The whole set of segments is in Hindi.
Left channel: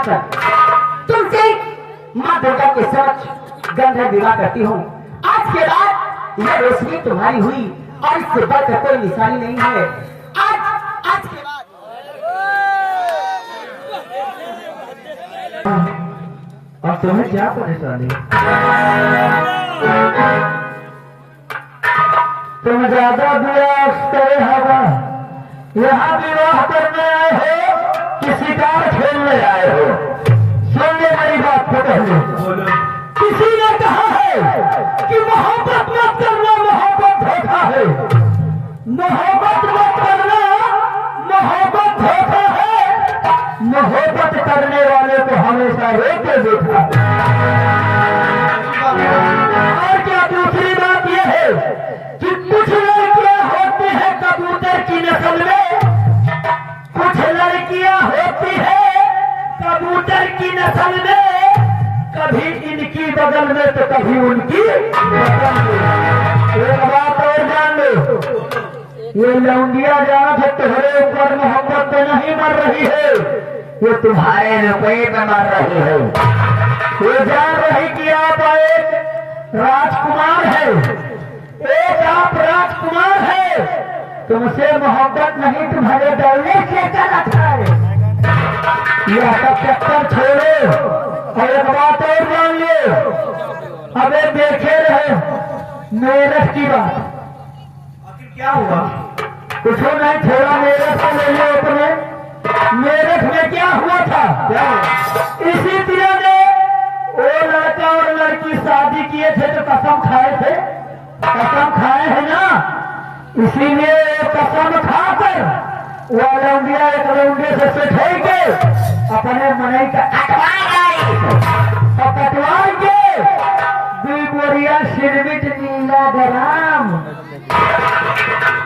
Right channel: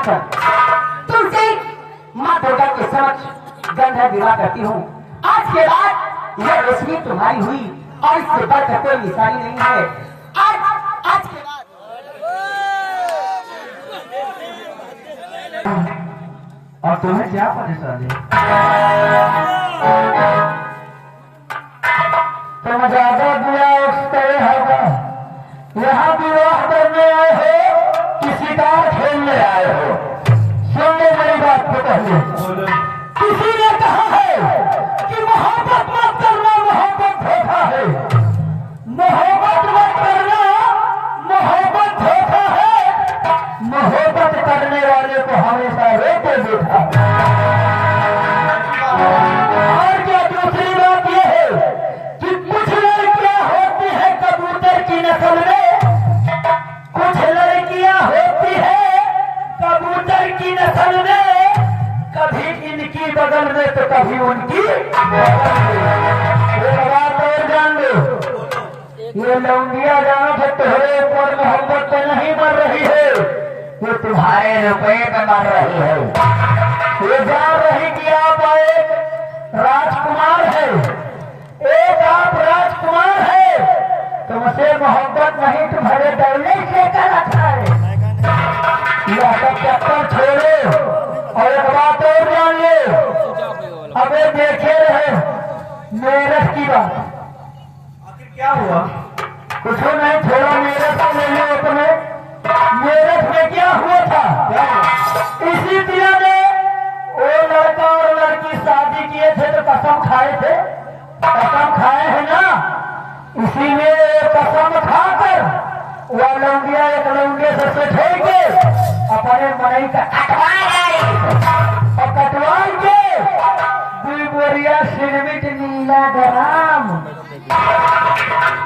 कर तुमसे माँ दुर्गा के समक्ष गंधर्व विवाह करती हूँ। आज के बाद यह रोशनी तुम्हारी हुई और इससे बढ़कर कोई निशानी नहीं है। आज के बाद और तुम्हें क्या परेशानी? तुम ज्यादा विलास करे हवा, यहाँ विवाह करने आए हो कि शिकार खेलने आए हो? सुनिए मेरी बात को पहले। किसी ने कहा है कि मोहब्बत मत करना, मोहब्बत धोखा है। मोहब्बत मत करना, मोहब्बत धोखा है। मोहब्बत करने वाले को हमेशा रोते देखा। और क्या दूसरी बात यह है कि कुछ लड़कियां होती है कबूतर की नस्ल में, कुछ लड़कियां होती है कबूतर की नस्ल में, कभी इनकी बगल में तो कभी उनकी बगल में। एक बात और जान लो, ये लौंडिया जहाँ से तुम्हारे ऊपर मोहब्बत तो नहीं मर रही है, ये तुम्हारे रुपये में मर रही है। ये जान रही कि आप एक राजकुमार है, एक आप राजकुमार है, तुमसे मोहब्बत नहीं तुम्हारे डरने से कर रखा है। यह सब चक्कर छोड़ो और एक बात और जान लो, अबे देखे रहे मेरठ की बात। आखिर क्या हुआ? कुछ नहीं, थोड़ा मेरठ से ले लो अपने। मेरठ में क्या हुआ था? क्या इसी दिया ने वो लड़का और लड़की शादी किए थे तो कसम खाए थे, कसम खाए हैं ना, इसीलिए कसम खाकर वो लौंडिया एक लौंडिया से छोड़ के अपने मनई का और कटवाएंगे दुई बोरिया सिरमिट नीला ग्राम।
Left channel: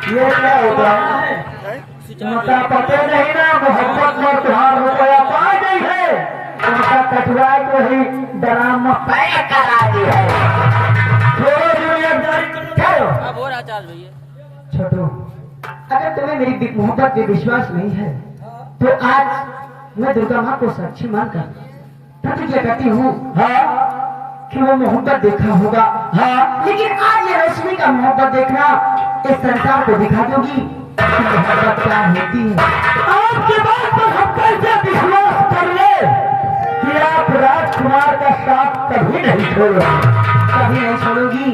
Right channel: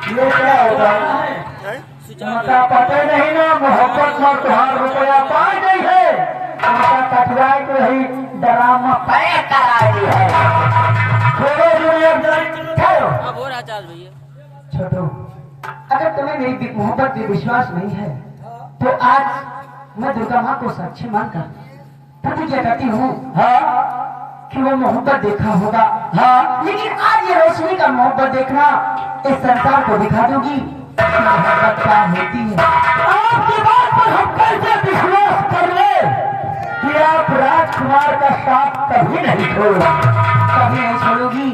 ये क्या होता है? उनका पता नहीं ना, मोहब्बत में तुहार रुपया पा गई है, उनका कटवाए को ही ड्राम में पैक करा दी है। छोड़ो छोड़ो अब हो रहा चार्ज भैया। छोटो, अगर तुम्हें मेरी मोहब्बत में विश्वास नहीं है तो आज मैं दुर्गा माँ को साक्षी मानकर प्रतिज्ञा करती हूँ कि वो मोहब्बत देखा होगा। हाँ, लेकिन आज ये रोशनी का मोहब्बत देखना इस संसार को दिखा दूंगी कि मोहब्बत क्या होती है। आपके बात पर हम कैसे विश्वास कर ले कि आप राजकुमार का साथ कभी नहीं छोड़ोगे, कभी नहीं छोड़ोगी।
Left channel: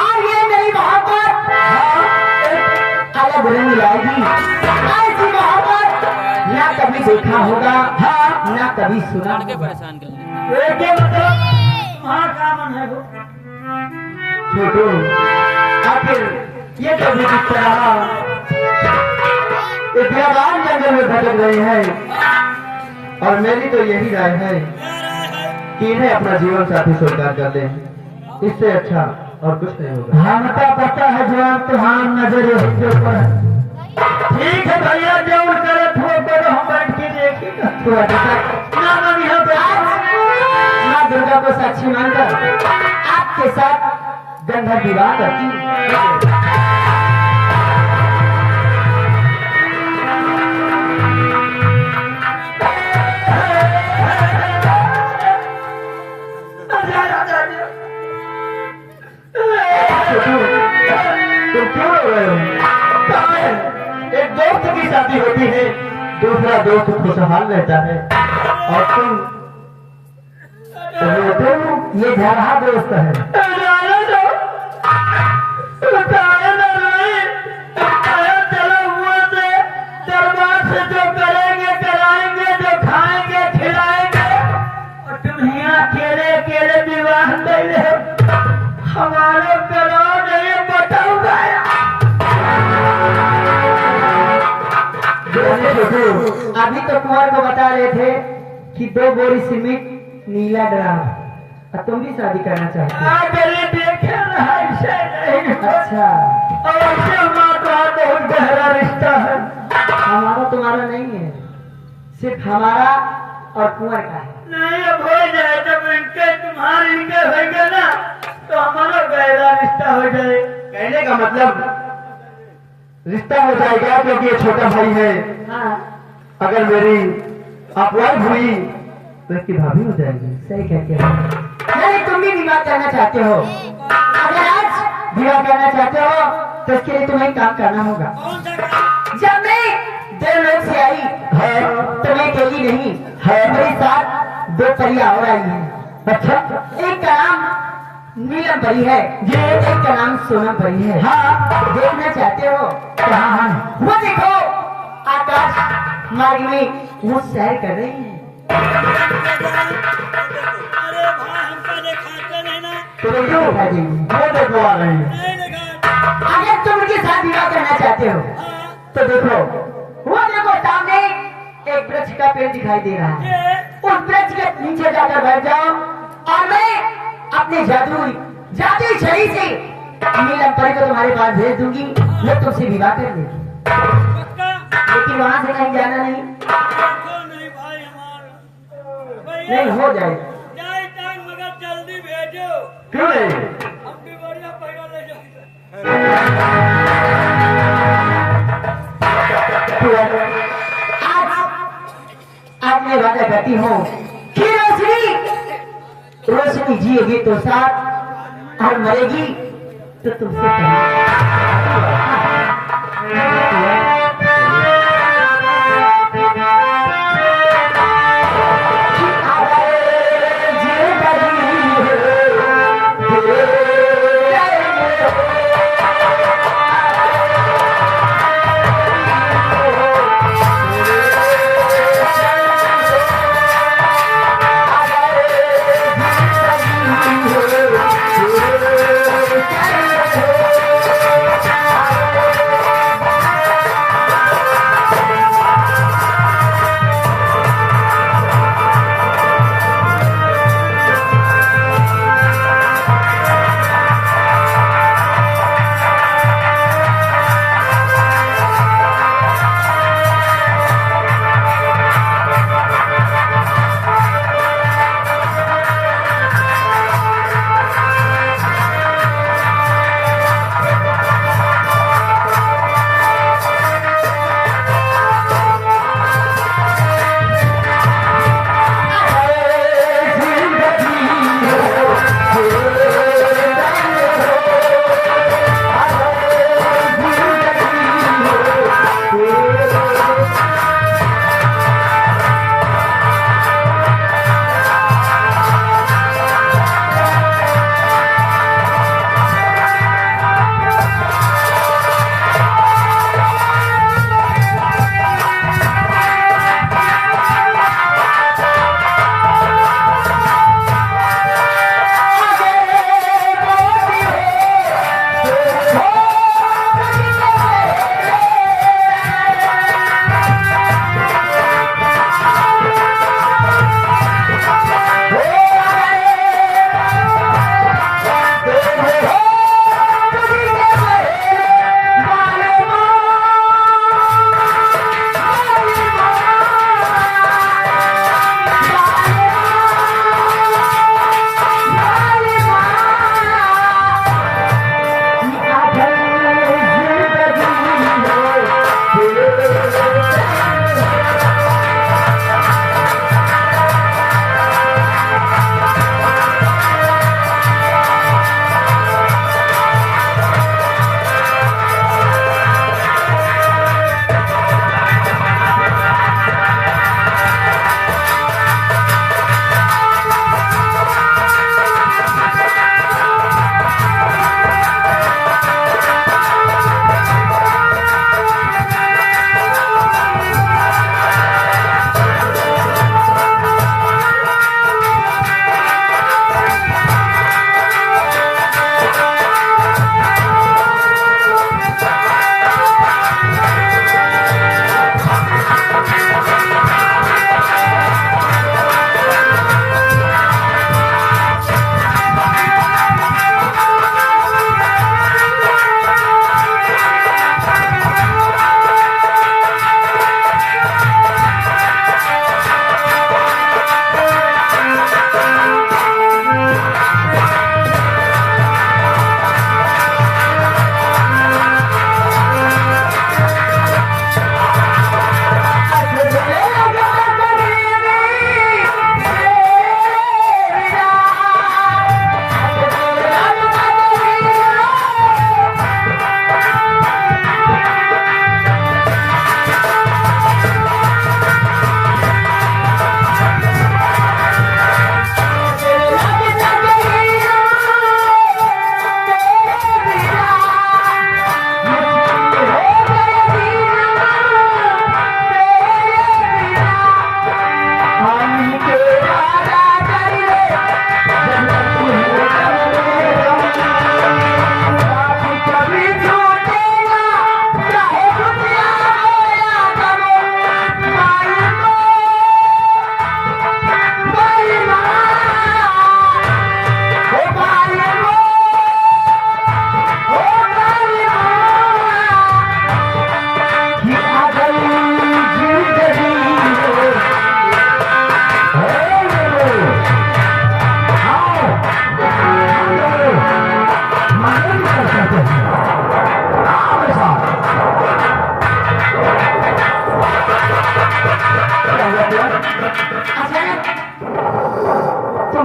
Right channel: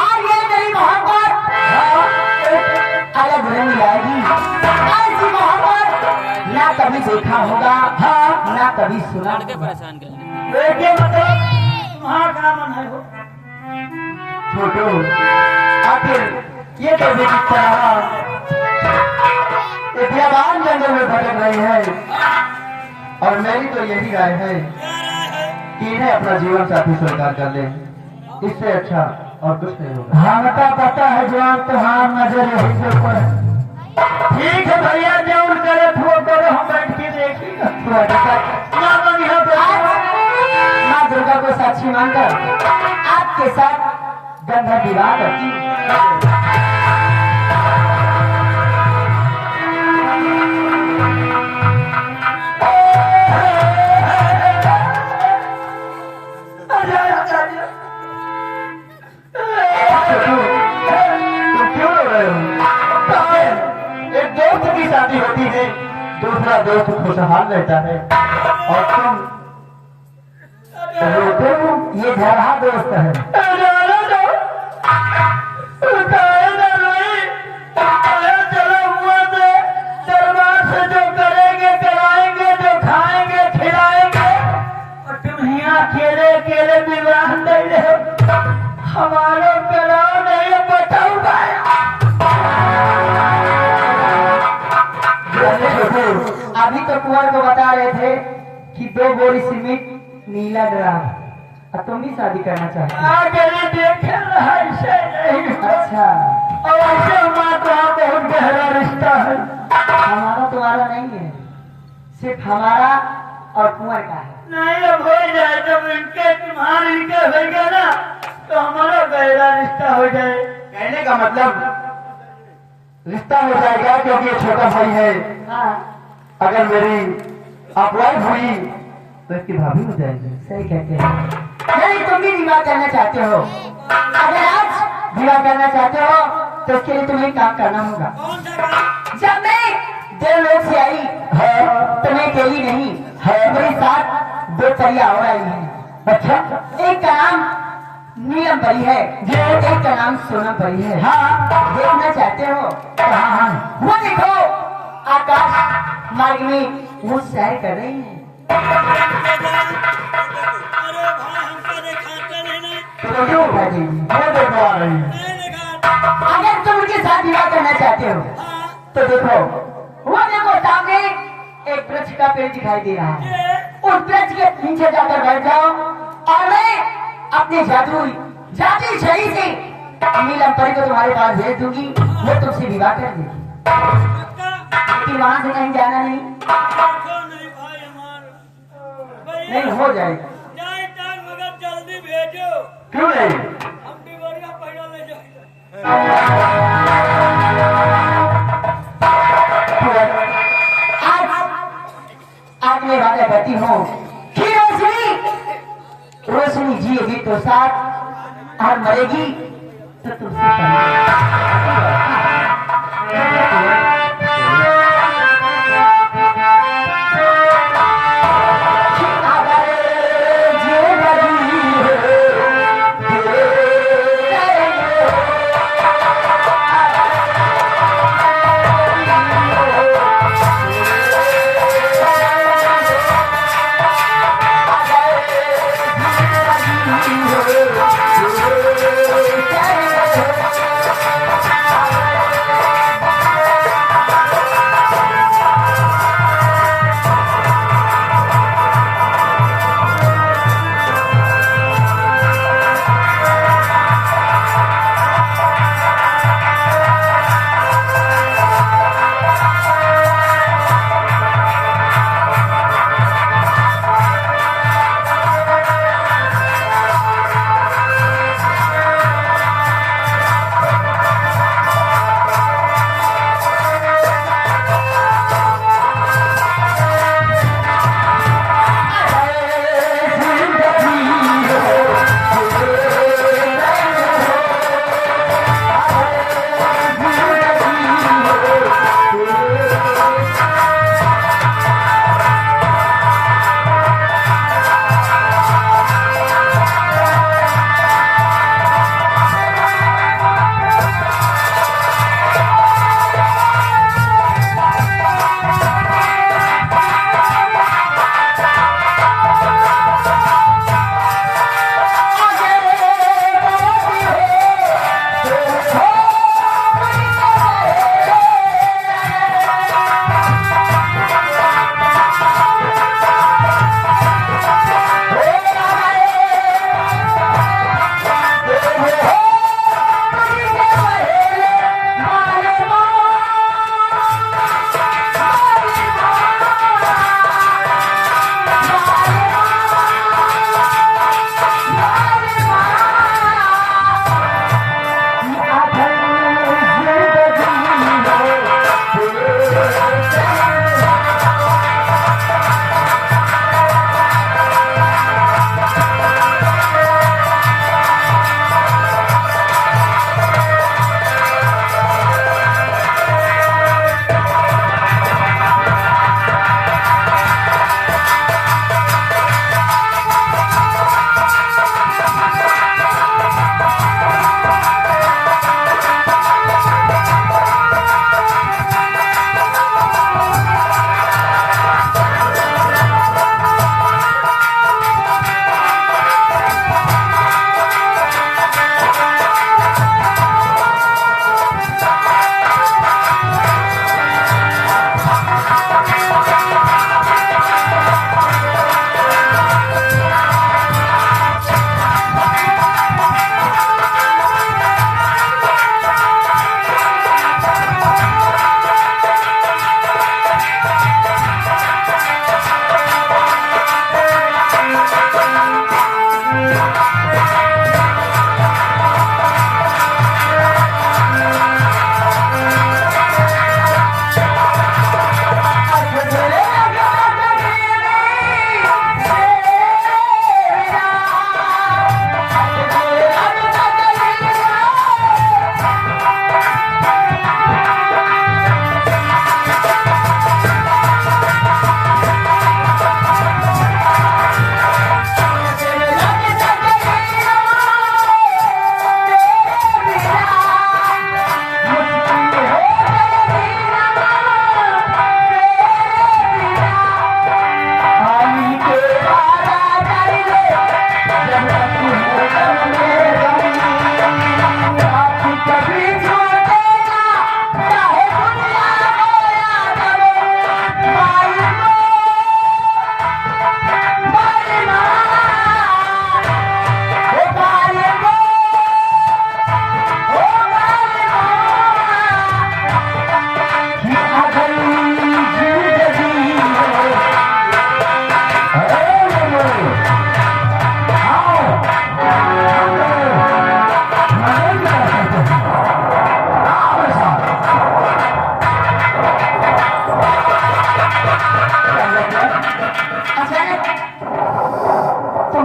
आज ये मेरी मोहब्बत अलग रंग लाएगी। ऐसी मोहब्बत ना कभी देखा होगा, हाँ, ना कभी सुना। लड़के परेशान कर लेते। मतलब वहाँ का मन है वो छोटो, आखिर ये तो भी किस तरह विद्यावान जंगल में भटक रहे हैं और मेरी तो यही राय है कि इन्हें अपना जीवन साथी स्वीकार कर ले, इससे अच्छा और कुछ नहीं होगा। हम तो पता है जवान तुहार नजर यही के ऊपर है। ठीक है भैया, जो करे वो करो, हम बैठ के देखेंगे। माँ दुर्गा को साक्षी मानकर आपके साथ गंधर्व विवाह करती हूँ। तुम क्यों रो रहे हो? एक दोस्त की शादी होती है, दूसरा दोस्त खुशहाल रहता है और तुम रोते हो। ये झरहा दोस्त है। चलो हुआ से दरबार से जो करेंगे कराएंगे, जो खाएंगे खिलाएंगे, तुम यहाँ अकेले अकेले विवाह नहीं रहे, हमारे कराओ नहीं बताऊंगा। अभी तो कुंवर को बता रहे थे कि 2 बोरी सीमेंट नीला ग्राम, और तुम भी शादी करना चाहते हो। देखे अच्छा, और ऐसे हमारा बहुत गहरा रिश्ता है। हमारा तुम्हारा नहीं है, सिर्फ हमारा और कुंवर का है। नहीं, अब हो जाए, जब इनके तुम्हारे इनके होगा ना तो हमारा गहरा रिश्ता हो जाए। कहने का मतलब रिश्ता हो जाएगा क्योंकि ये छोटा भाई है। हाँ। अगर मेरी अपवाद हुई लड़की भाभी हो जाएगी। सही कहते हो। नहीं तुम भी विवाह करना चाहते हो। अगर आज विवाह करना चाहते हो तो इसके लिए तुम्हें काम करना होगा। कौन सा काम? जब मैं देवलोक से आई तो मैं अकेली नहीं मेरे साथ 2 परियां और आई हैं। अच्छा, एक का नाम नीलम परी है, एक का नाम सोनम परी है। हाँ देखना चाहते हो? हाँ वो देखो आकाश मार्ग में वो सैर कर रही है। अरे भाई हमका दिखाते नहीं ना। तो देखो भाई, वो देखो आ रही है। नहीं देखा। अगर तुम उनके साथ विवाह करना चाहते हो तो देखो वो देखो सामने एक वृक्ष का पेड़ दिखाई दे रहा है। उस वृक्ष के नीचे जाकर बैठ जाओ और मैं अपने जादुई छड़ी से नीलम परी को तुम्हारे पास भेज दूंगी। वो तुमसे विवाह कर लेगी, पक्का? लेकिन वहां से कहीं जाना नहीं। देखो नहीं भाई हमारा नहीं हो जाए। जाए टांग मगर जल्दी भेजो। क्यों नहीं? हम भी बढ़िया पैसा ले जाओ। आज मैं वादा करती हूँ कि रोशनी जिएगी तो साथ और मरेगी तो तुमसे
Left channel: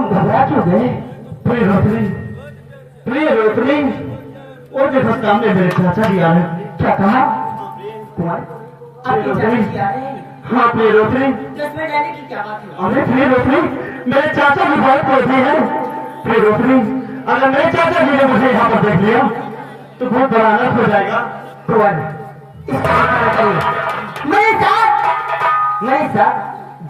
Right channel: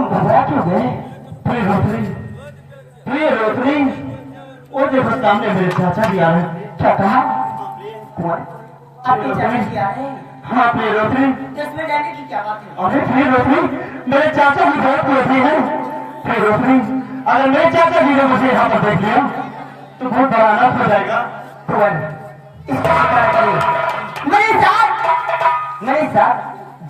तुम घबरा क्यों गए? प्रिय रोशनी, प्रिय रोशनी, वो देखो सामने मेरे चाचा भी आ रहे। क्या कहा? कुंवर, आपके चाचा जी आ रहे हैं? हाँ प्रिय रोशनी। इसमें डालने की क्या बात है? अरे प्रिय रोशनी, मेरे चाचा भी बहुत क्रोधी है। प्रिय रोशनी, अगर मेरे चाचा जी ने मुझे यहाँ पर देख लिया तो बहुत बड़ा अनर्थ हो जाएगा। कुंवर, मेरे साथ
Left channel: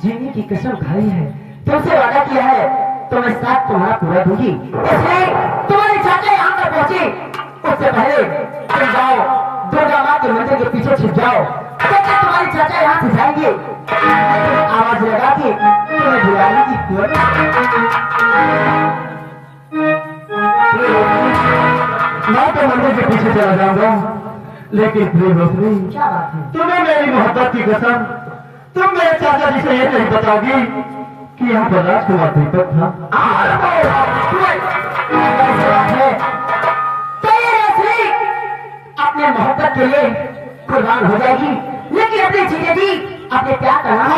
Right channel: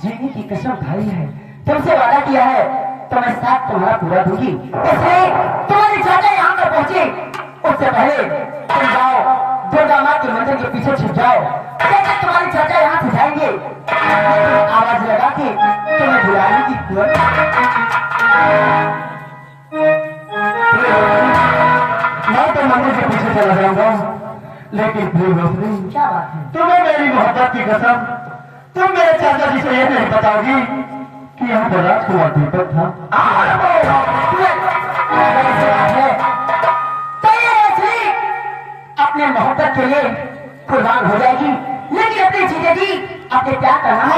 जीने की कसम खाई है, तुमसे वादा किया है तो मैं साथ तुम्हारा पूरा दूंगी। इसलिए तुम्हारे चाचा यहाँ पर पहुंचे उससे पहले तुम जाओ दुर्गा माँ के मंदिर के पीछे छिप जाओ। जब तुम्हारे चाचा यहाँ से जाएंगे आवाज लगा के तुम्हें बुलाने की कुंवर। मैं तो मंदिर के पीछे चला जाऊंगा, लेकिन प्रिय रोशनी, क्या बात है? तुम्हें मेरी मोहब्बत की कसम, तुम मेरे चाचा जी से ये नहीं बताओगी कि यहाँ पर राजकुमार दीपक था। अपने मोहब्बत के लिए कुर्बान हो जाएगी, लेकिन अपने जीजा जी अपने प्यार का नाम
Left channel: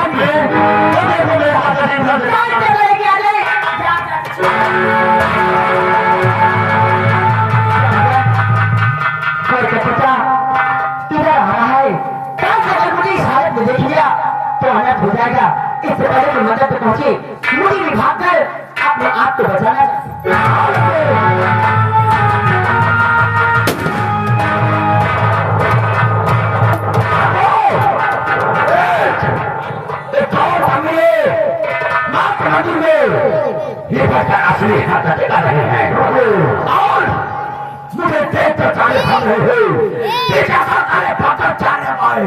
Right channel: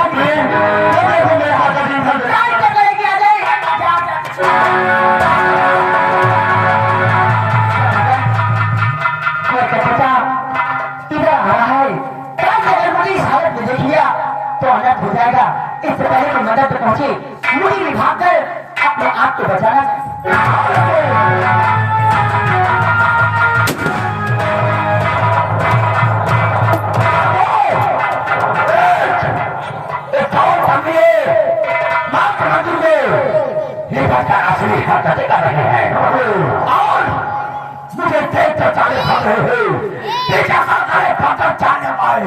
तो अनर्थ हो जाएगा। इससे पहले कि मदद पहुंचे मुड़ी में भागकर अपने आप को बचाना। ये बच्चा असली हाथ दिखा रहे हैं और मुझे देख कर जाने खा रहे हैं। सारे पता जाने पाए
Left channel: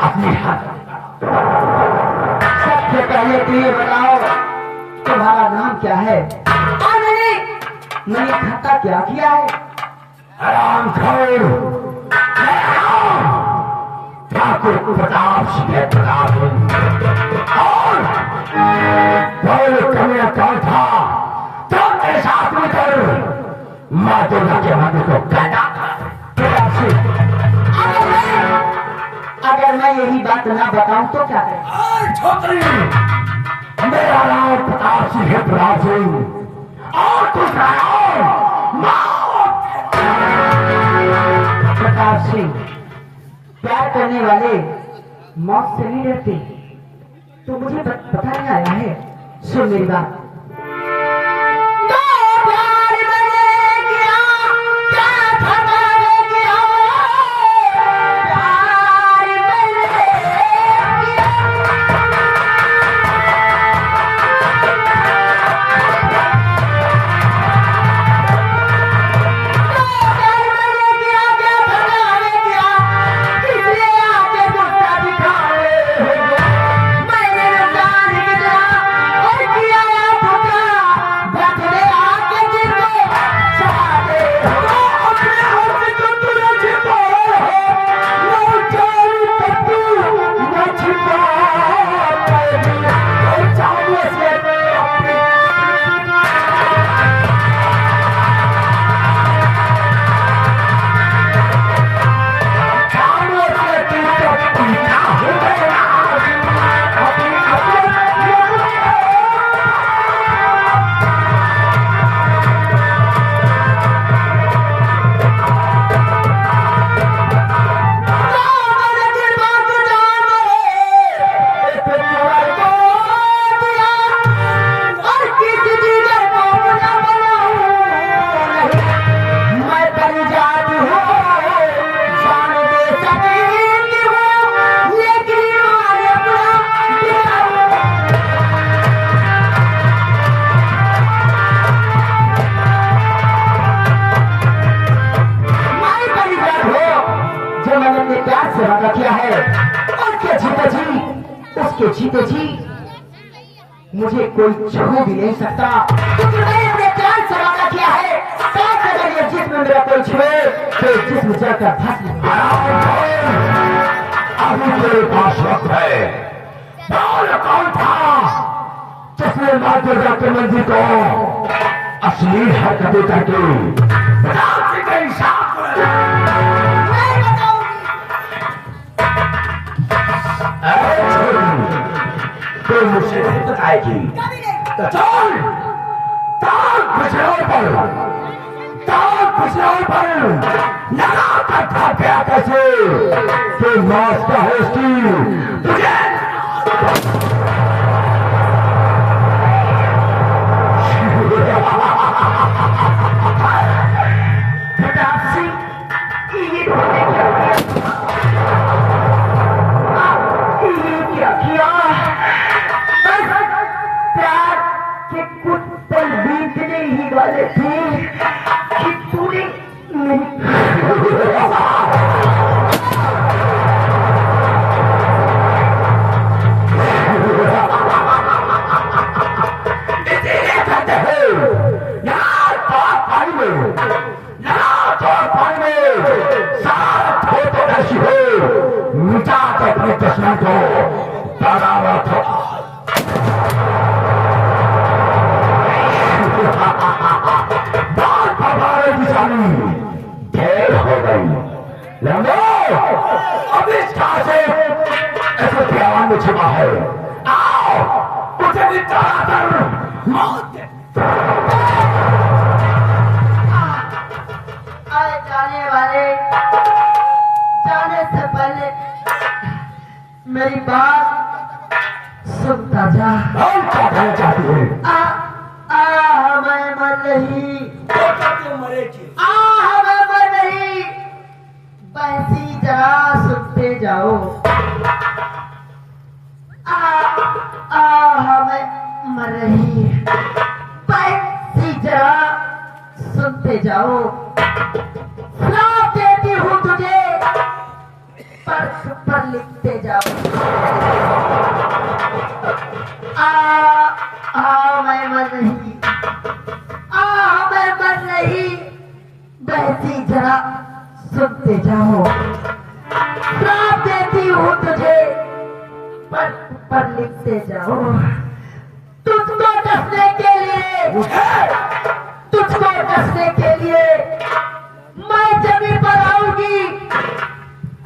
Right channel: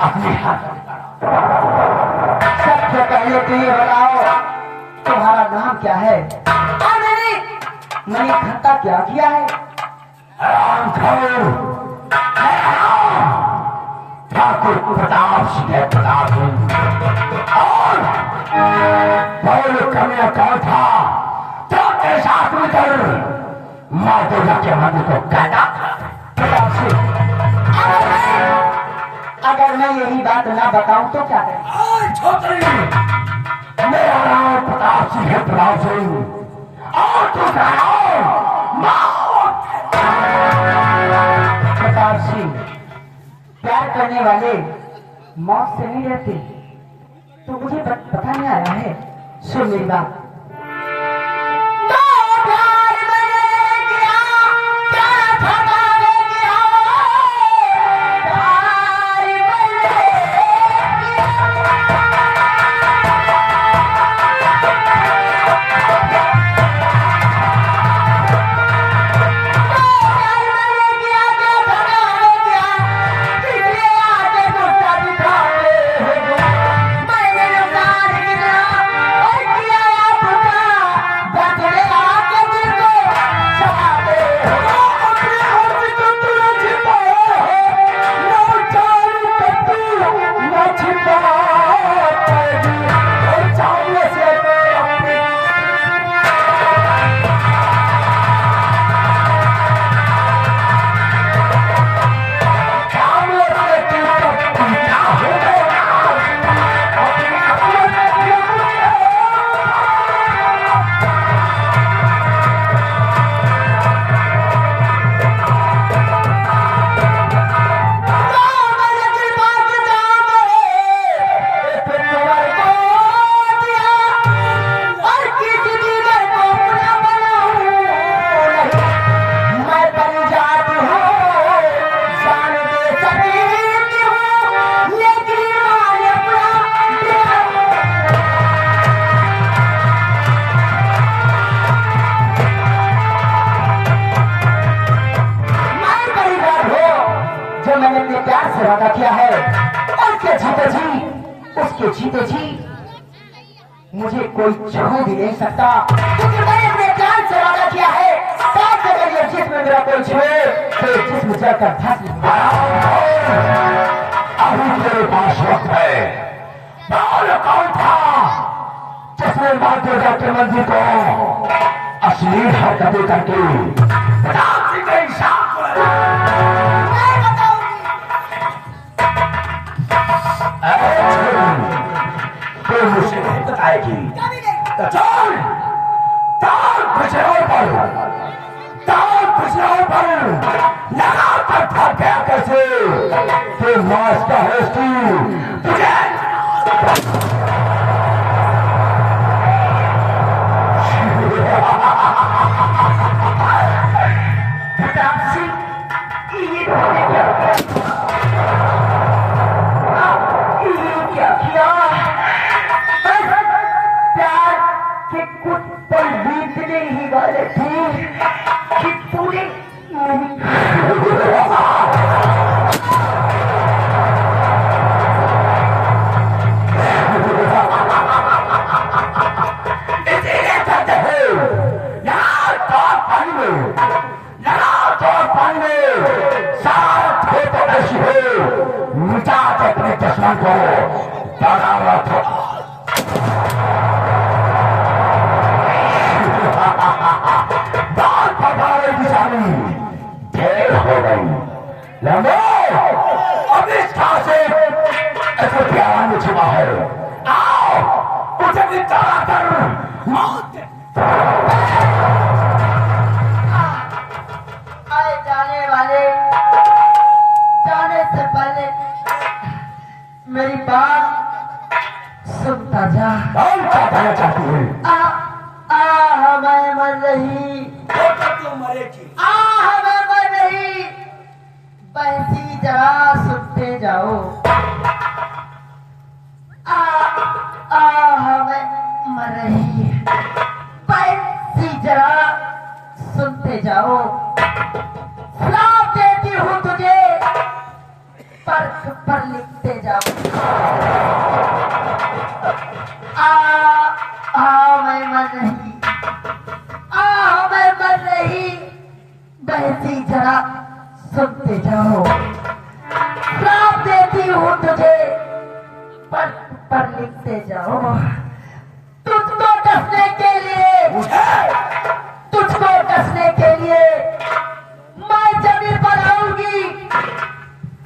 अपनी हाथ सत्य कहिए तो ये बताओ तुम्हारा नाम क्या है? मैंने खत्ता क्या किया है? आराम खोर ठाकुर प्रताप सिंह प्रताप और बहुत कन्या कौन था जो तेरे साथ मिलकर माँ दुर्गा के मंदिर को पैदा अगर मैं यही बात ना बताऊं तो क्या करें? छोकरी मेरा नाम प्रताप सिंह प्रताप सिंह और दूसरा नाम प्रताप सिंह प्यार करने वाले मौत से नहीं डरते। तो मुझे पता नहीं आया है, सुन मेरी बात। जीते जी मुझे कोई छू भी नहीं सकता, क्योंकि मैंने अपने जान से वादा किया है, साथ अगर ये जिस्म मेरा कोई छुए तो जिस्म जाकर भस्म। अभी मेरे पास वक्त है। कौन था जिसने माँ दुर्गा के मंदिर को असली हरकतें करके मुझसे नहीं बताएगी। लगाकर था क्या कैसे तो नाश्ता है उसकी तुझे क्या किया? प्यार के कुछ पल बीतने ही वाले थे कि पूरे अपने दुश्मन को डरा था। बात भरवाने की जानी ढेर हो गई। लंबो अब इस घास से ऐसे प्यार में छिपा है। आओ उसे निकाला कर मौत जाने वाले जाने से पहले मेरी बात सुनता जा। और क्या कहना चाहती है? मैं मर रही तू मरेगी। मैं मर रही वैसी जगह सुनते जाओ। मैं मर रही वैसी जगह सुनते जाओ। श्राप देती हूँ तुझे पर लिखते जाओ। मैं मर रही मैं मर रही वैसी जरा सुनते जाओ। श्राप देती हूँ तुझे पर लिखते जाओ। तुझको डसने के लिए तुझको डसने के लिए मैं जमी पर आऊंगी।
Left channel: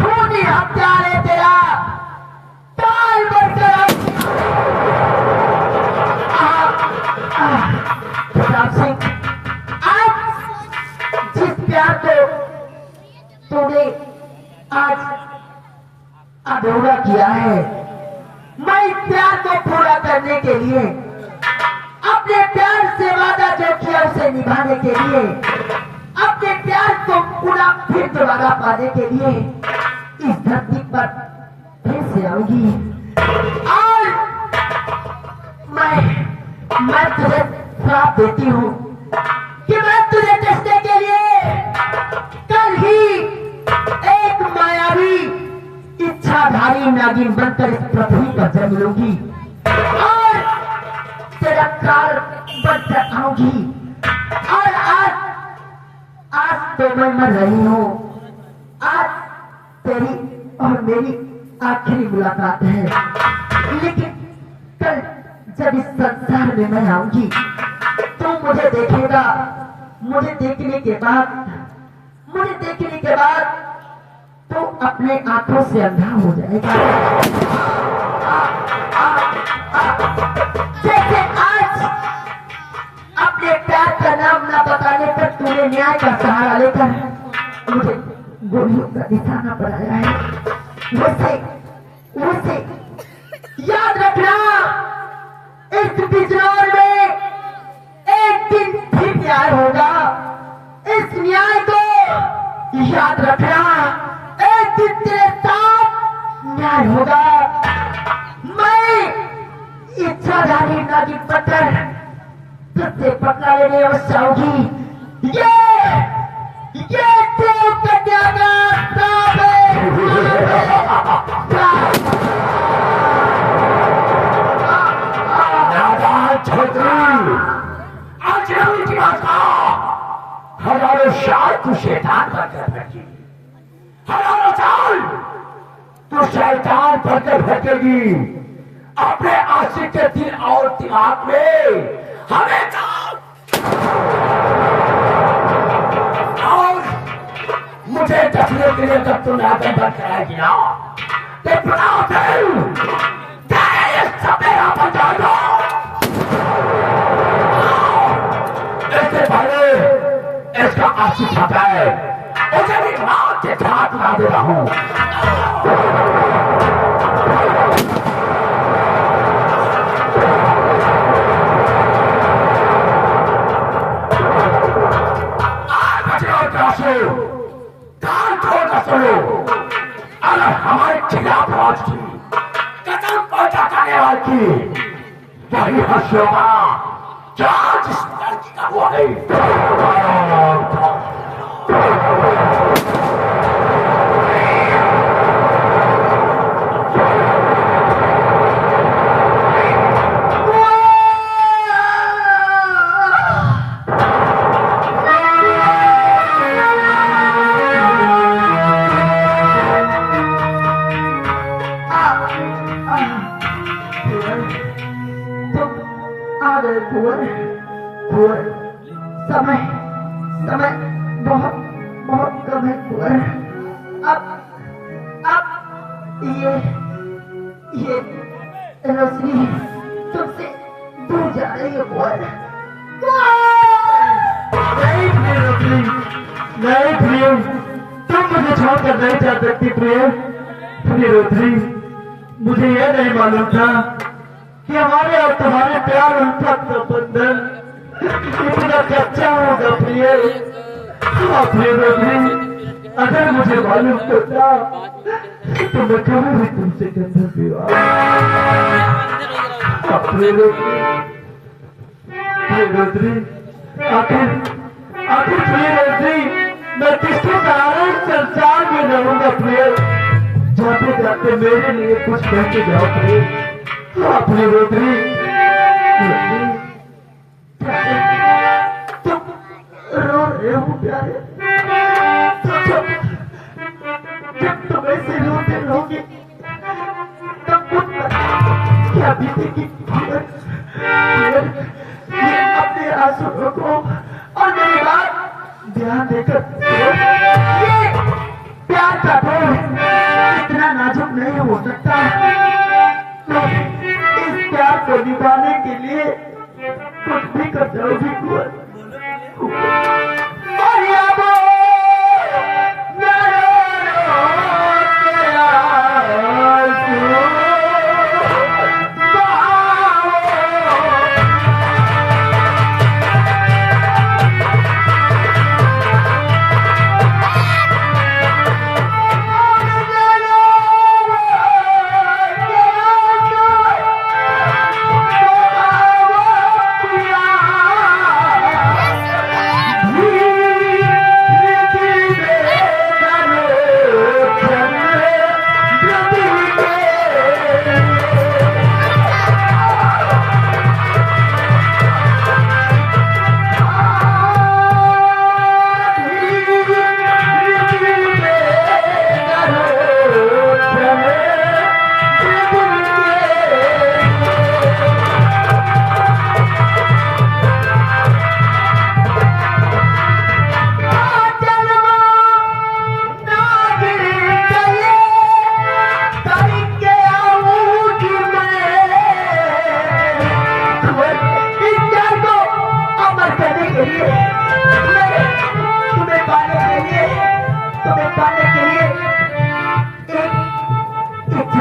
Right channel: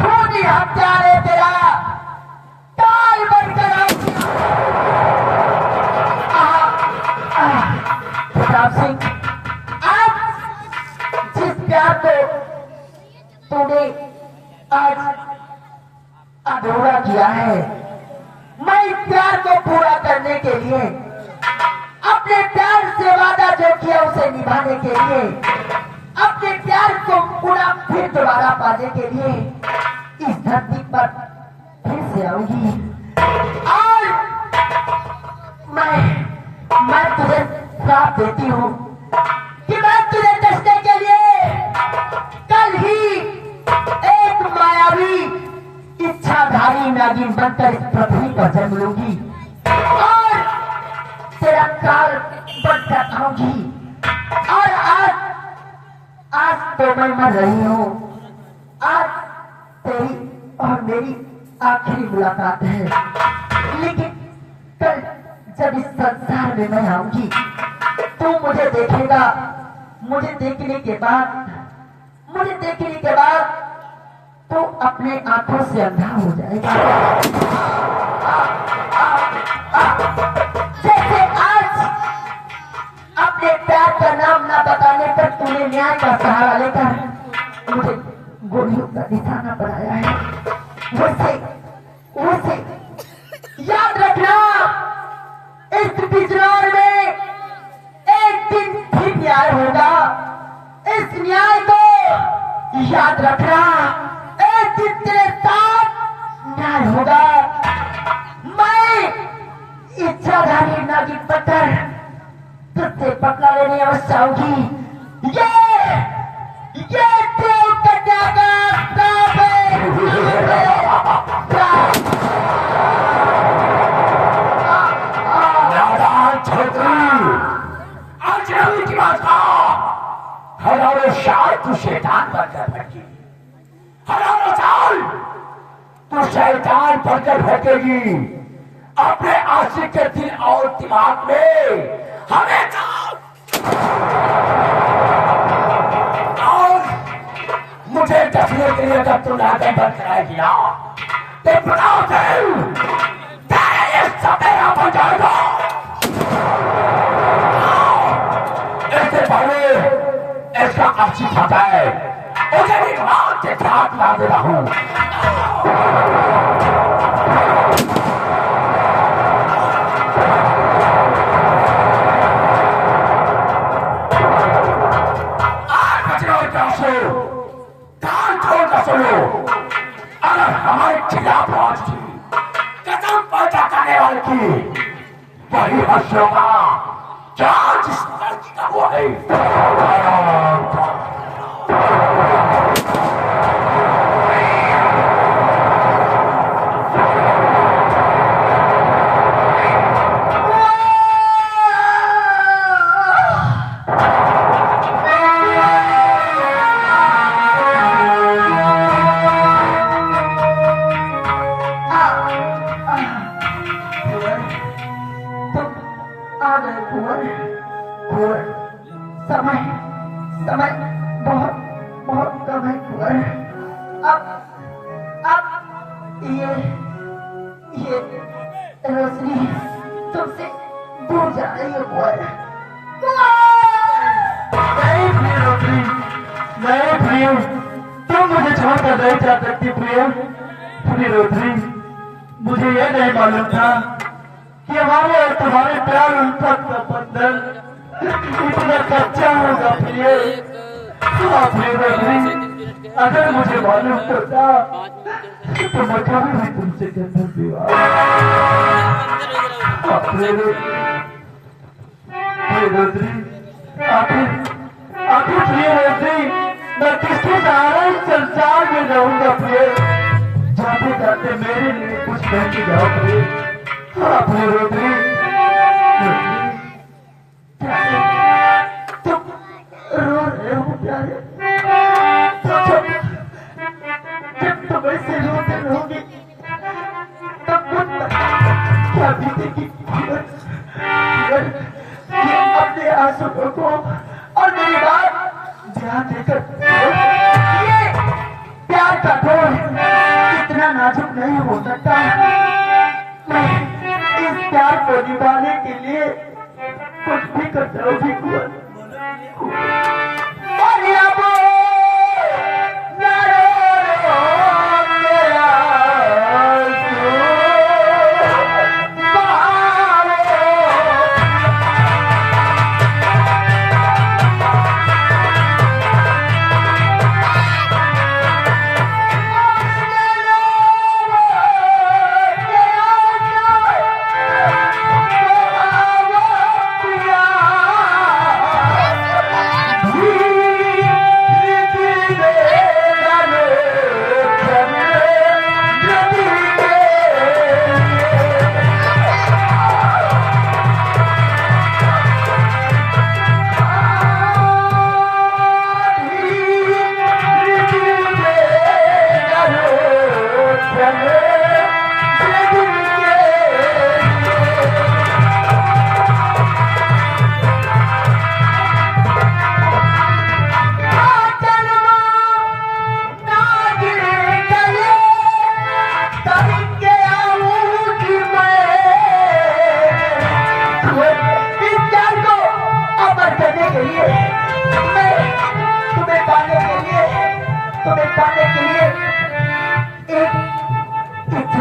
खूनी हत्यारे तेरा टाल बनकर आऊंगी। प्रताप सिंह, आज जिस प्यार को तूने आज अधूरा किया है। मैं इस प्यार को पूरा करने के लिए, अपने प्यार से वादा जो किया उसे निभाने के लिए, अपने प्यार को पूरा फिर दोबारा पाने के लिए इस धरती पर फिर से आऊंगी। और मैं तुझे श्राप देती हूँ कि मैं तुझे देखने के लिए कल ही एक मायावी इच्छाधारी नागिन बनकर इस पृथ्वी पर जन्म लूंगी और तेरा काल बनकर आऊंगी। और आज तो मैं मर रही हूँ। आज तेरी और मेरी आखिरी मुलाकात है, लेकिन कल जब इस संसार में मैं आऊंगी तो मुझे देखेगा। मुझे देखने के बाद तो अपने आंखों से अंधा हो जाएगा। जैसे आज अपने प्यार का नाम ना बताने पर तूने न्याय का सहारा लेकर मुझे गोलियों का निशाना बनाया है, वैसे याद रखना, इस बिजनौर में एक दिन फिर न्याय होगा। इस न्याय को याद रखना, एक दिन तेरे साथ न्याय होगा। मैं इच्छाधारी नागिन पत्थर तुझसे पकड़ा लेने अवश्य आऊंगी। ये देव कन्या का श्राप है। हजारों साल तू शैतान बनकर भटकी, हजारों साल तू शैतान बनकर भटकेगी। अपने आशिक के दिल और दिमाग में हमेशा और मुझे देखने के लिए जब तू नाटक बन जाएगी ना तो बताओ तेरे समय यहाँ पर जाएगा। ऐसे पहले इसका आशी खाता है, उसे भी मौत के साथ ला दे रहा हूँ। कान खोल कर सुनो, अगर हमारे खिलाफ आज की कदम पैदा करने वाली की वही हर्ष होगा क्या जिस लड़की का हुआ है। समय बहुत कम है कुंवर। अब ये रोशनी तुमसे दूर जा रही है कुंवर। नहीं प्रिय, तुम मुझे छोड़कर नहीं जा सकती प्रिय रोशनी। मुझे यह नहीं मालूम था कि हमारे और तुम्हारे प्यार उल्फत का बंधन इतना कच्चा होगा प्रिय। अगर मुझे मालूम होता तो मैं कभी भी तुमसे करना विवाह। आखिर प्रिय रोशनी, मैं किसके सहारे संसार में रहूंगा प्रिय। जाते जाते मेरे लिए कुछ कह के जाओ प्रिय। प्रिय रोशनी, रो रहे हो प्यारे? जब तुम ऐसे रोते रहोगे तब खुद क्या बीतेगी? ये अपने आंसू रोको और मेरी बात ध्यान देकर ये प्यार का बोझ इतना नाजुक नहीं हो सकता। इस प्यार को निभाने के लिए कुछ भी कर जाओगी कुंवर। और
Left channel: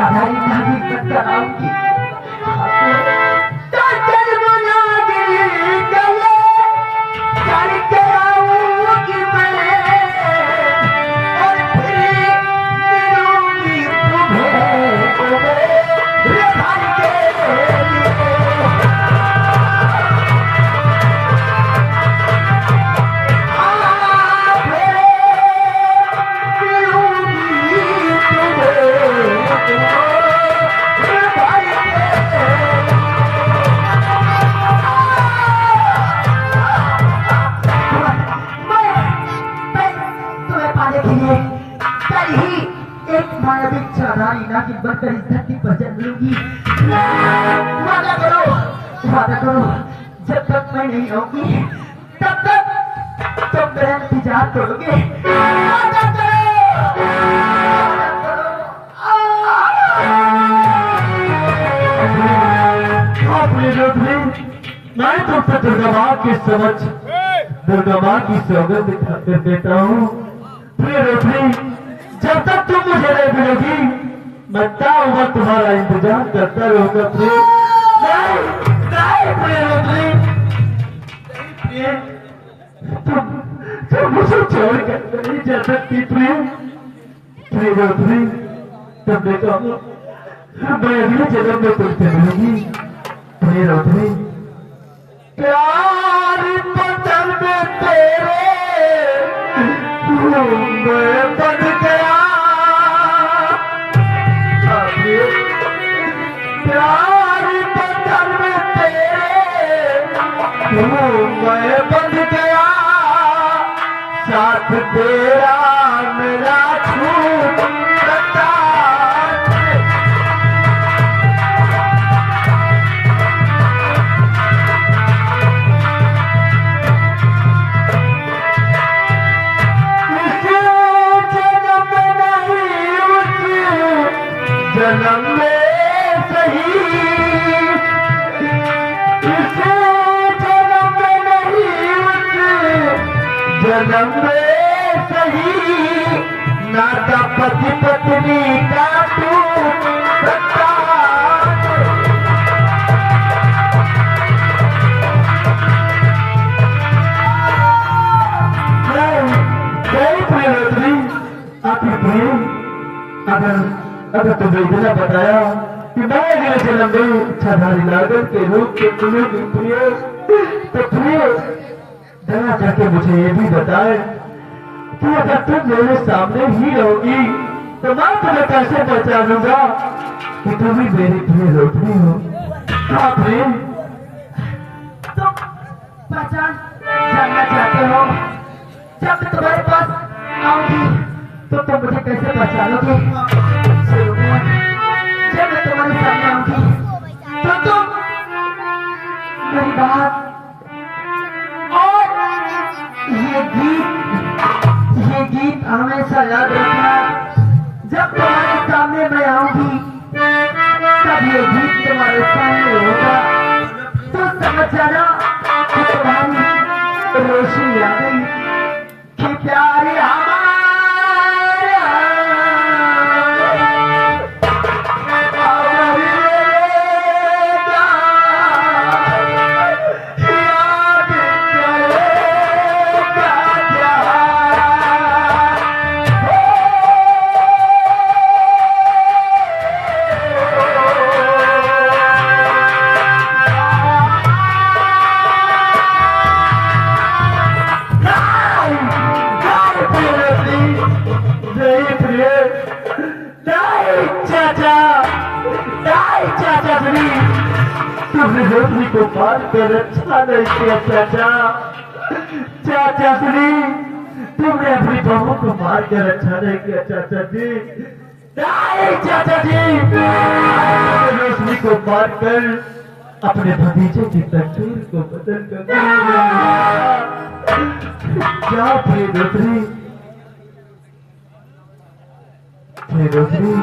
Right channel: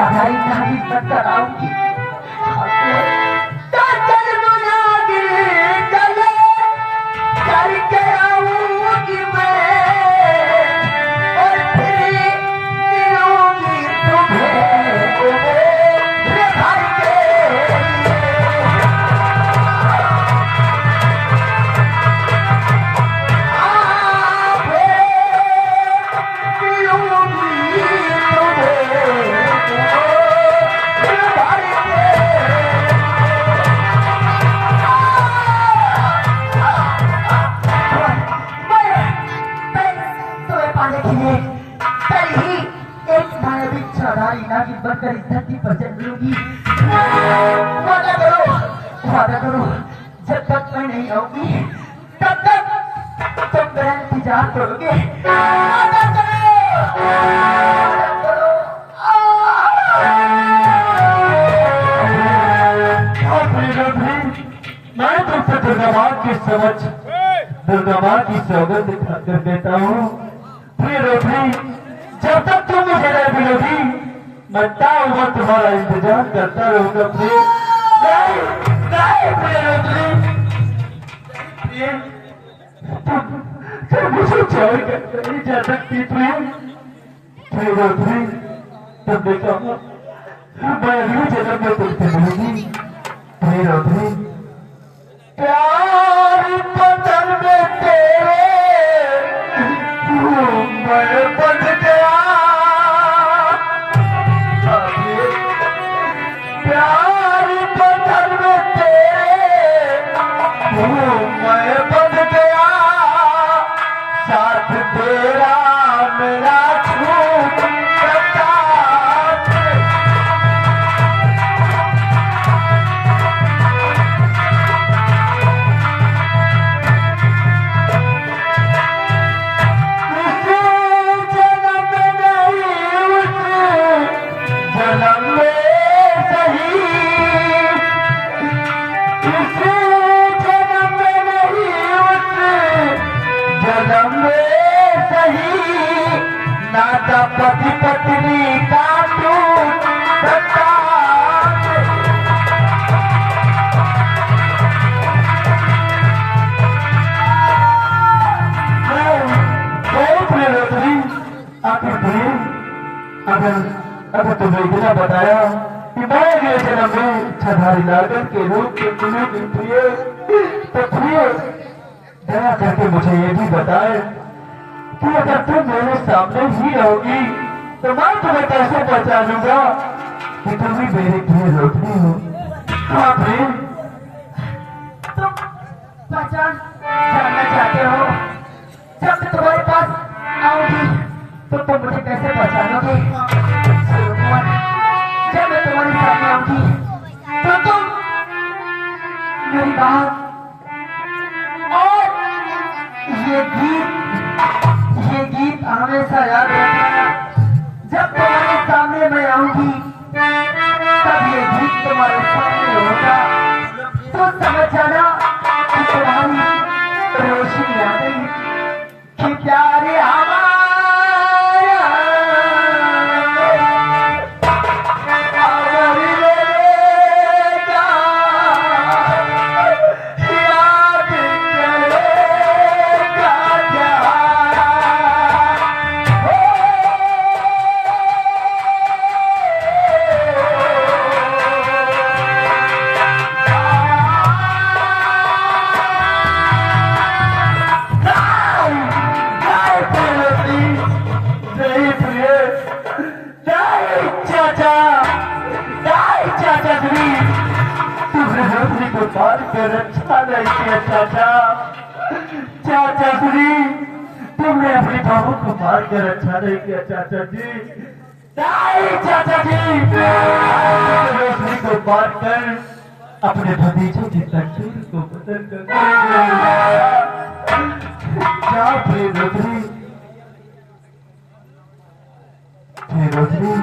साधारी नागी मत कराऊंगी तो जन्म लागे गले करके आऊंगी मैं और फिर मिलूंगी तुम्हें रे भाई के की बढ़कर इस धरती पर जन्म लूंगी। वादा करो जब तक मैं नहीं आऊंगी तब तक तुम मेरा इंतजार करोगे। वादा करो। मैं तुमसे दुर्गा माँ की समझ दुर्गा माँ की सौगंध कर देता हूँ। प्रिय रोटरी, जब तक तुम मुझे नहीं मिलोगी मैं मैं तुम्हारा इंतजार करता रहूंगा। प्रिय प्रिय रोटरी, तुम मुझे छोड़ कर नहीं जा सकती। प्रिय रोटरी, तुमने कहा मैं अगले जन्म में तुमसे मिलूंगी। प्रिय रोटरी, प्यार बदल में तेरे मैं बन गया। प्यार बदल में तेरे मैं बन गया। साथ तेरा मिला छूट सकता। जन्म में सही इस जन्म में नहीं उस जन्म में सही नाता पति पत्नी का टूट सकता। अगर तुम्हें इतना बताया कि मैं अगले जन्म में छाधारी नागर के रूप में मिलूंगी प्रिय, तो प्रिय दया करके मुझे ये भी बताए कि अगर तुम मेरे सामने ही रहोगी तो मैं तुम्हें कैसे पहचानूंगा कि तुम ही मेरी प्रिय रोटनी हो। हाँ प्रिय, तुम पहचान जानना चाहते हो? जब मैं तुम्हारे पास आऊंगी तो तुम मुझे कैसे पहचानोगे? जब मैं तुम्हारे सामने आऊंगी तो तुम मेरी बात और ये गीत हमेशा याद रखना। जब तुम्हारे सामने मैं आऊंगी तब ये गीत तुम्हारे सामने होगा तो समझ जाना कि तुम्हारी रोशनी आ गई कि प्यारे तुमने रोटनी को मार कर अच्छा नहीं किया चाचा। चाचा जी, तुमने अपनी बहू को मार कर अच्छा नहीं किया चाचा जी। नहीं चाचा जी, रोटनी को मार कर अपने भतीजे की तकदीर को बदल कर क्या प्रिय रोटनी,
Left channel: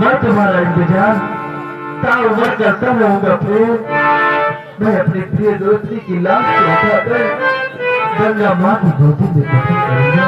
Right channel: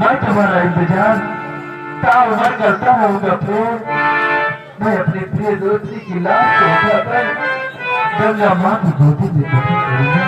मैं तुम्हारा इंतजार क्या उम्र करता रहूंगा। फिर मैं अपने प्रिय दोस्ती की लाश को उठाकर गंगा माँ की गोदी में दफन करूंगा।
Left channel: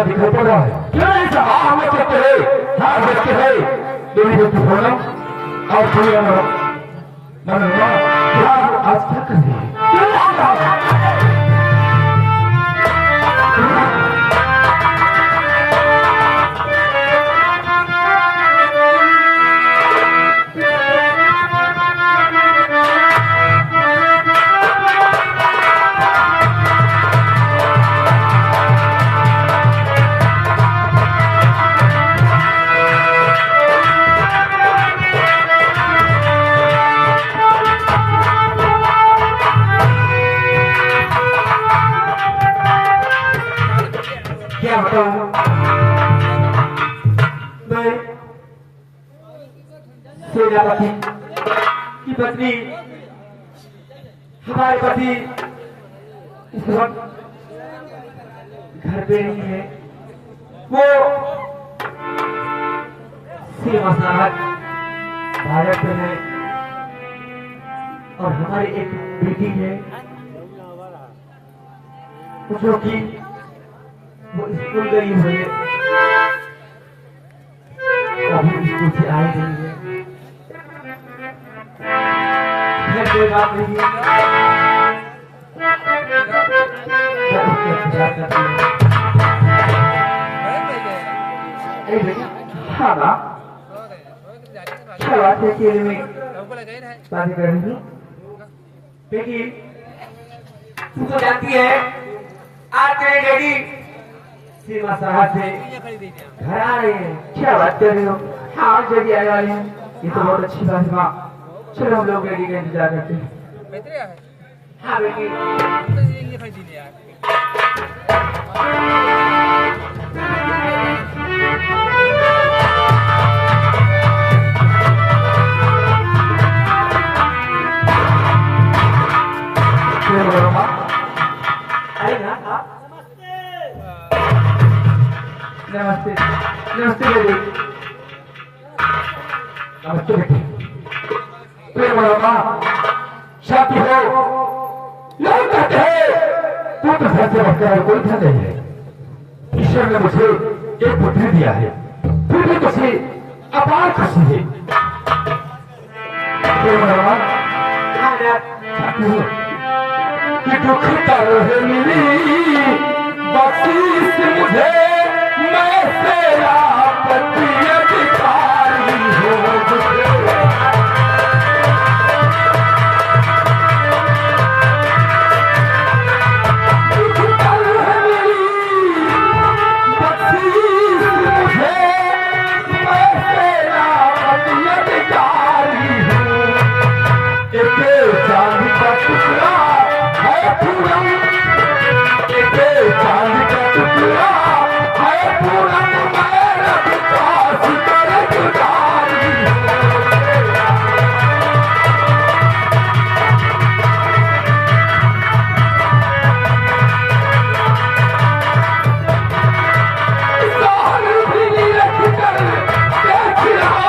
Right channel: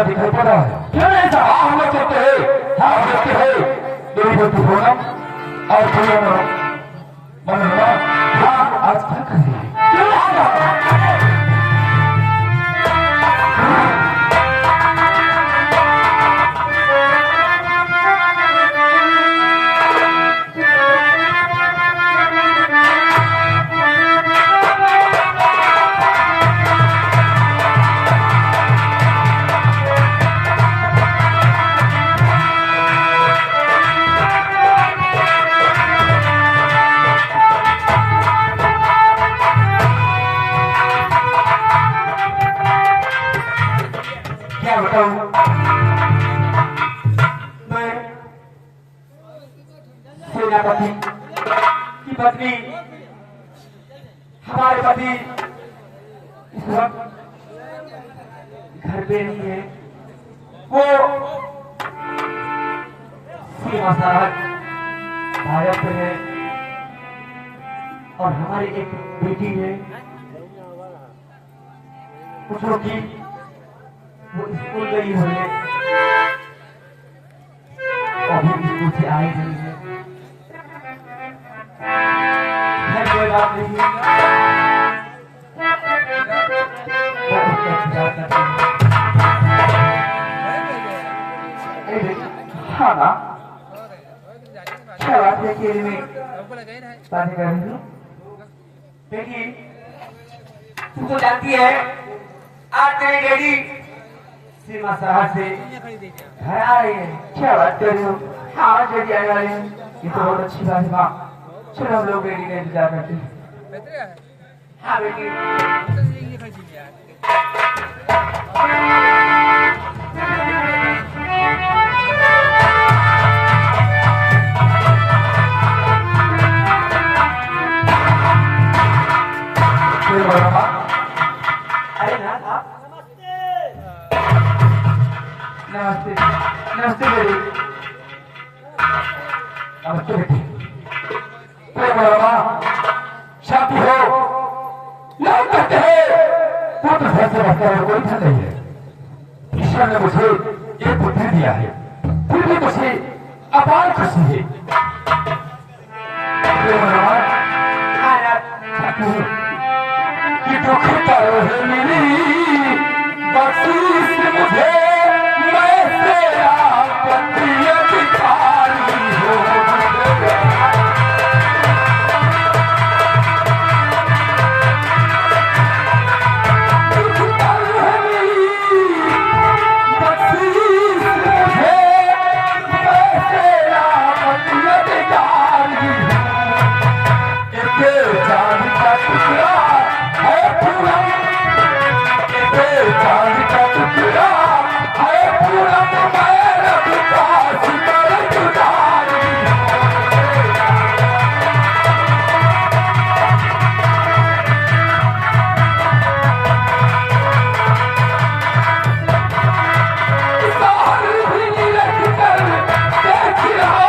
पूरा दिखाई पड़ रहा है। क्यों ऐसा? हाँ हम लोग देखते हैं, हाँ देखते हैं देवी बेटी पूनम और पूनम मनोरमा। हाँ आज क्या कर रही है? क्या बताऊं मैं सेनापति की पत्नी, हमारे पति इस वक्त घर पे नहीं है, वो सीमा सरहद भारत में है और हमारी एक बेटी है जो कि वो स्कूल गई हुई है, अभी स्कूल से आई नहीं है। घर कोई बात नहीं है, हाँ ना क्या बात है कि में शादी कर रही हूँ, लेकिन तू तो जानती है आज तेरी बेटी सीमा सरहद से घर आ रही है। क्या बात कर रही हो? हाँ जल्दी आ रही है, ये तो बहुत अच्छी बात है माँ। चलो हम लोग बेटी का इंतजार करते हैं। हाँ बेटी अरे ना नमस्ते नमस्ते बेटी, नमस्ते बेटी। फिर बोला शादी हो लोग कहते हैं तू तो घर से बच्चा है, कोई धन नहीं है। ईश्वर ने मुझे एक पुत्री दिया है, फिर भी मुझे अपार खुशी है। फिर बोला शादी हो कि दुख करो है मेरी बख्शीश मुझे, मैं तेरा पति अधिकारी हो मुझे। दुख करो है मेरी बख्शीश मुझे, मैं तेरा पति अधिकारी हूँ। एक जान का टुकड़ा है पूनम, एक जान का टुकड़ा है पूनम, मेरा विकास कर गुजारी। साल भी रख कर देख रहा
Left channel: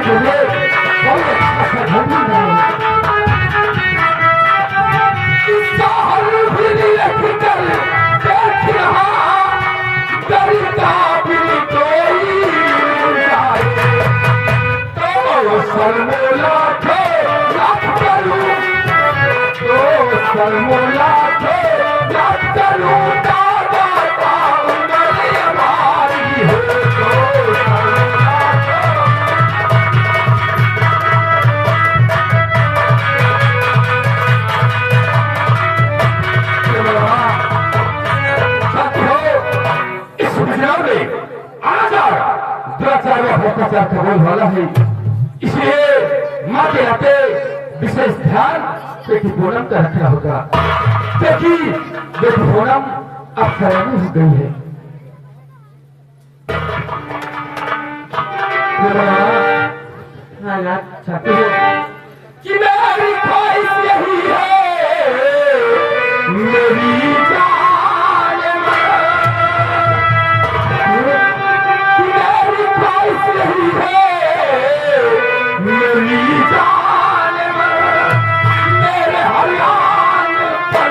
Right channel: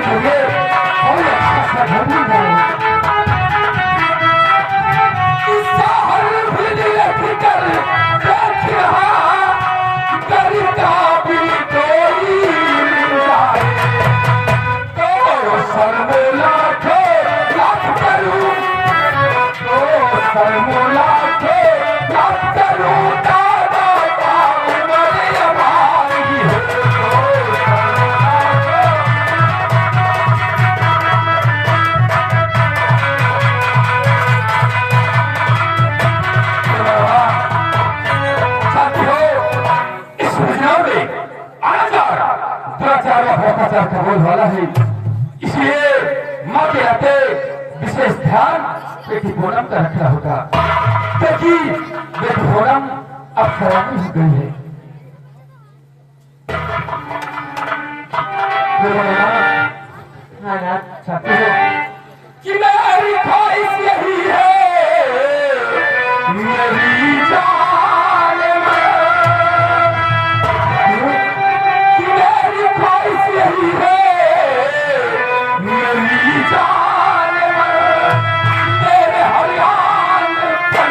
तुझे कोई अच्छा सा घर नहीं मिलेगा। साल भी रख कर देख रहा करता भी कोई जाए, तो सरमोला के याद करूं, तो सरमोला के याद करूं, दादा का उम्र हमारी है, तो सरमोला के। इस योजना में आना जा रहा दुराचार व भ्रष्टाचार का बोल वाला है, इसलिए माँ के नाते विशेष ध्यान बेटी पूनम का रखना होगा, क्योंकि बेटी पूनम अब सयानी हो गई है। चाहते हो कि मेरी ख्वाहिश यही है, मेरी जान मेरी ख्वाहिश यही है, मेरी जान मेरे हरियाण पर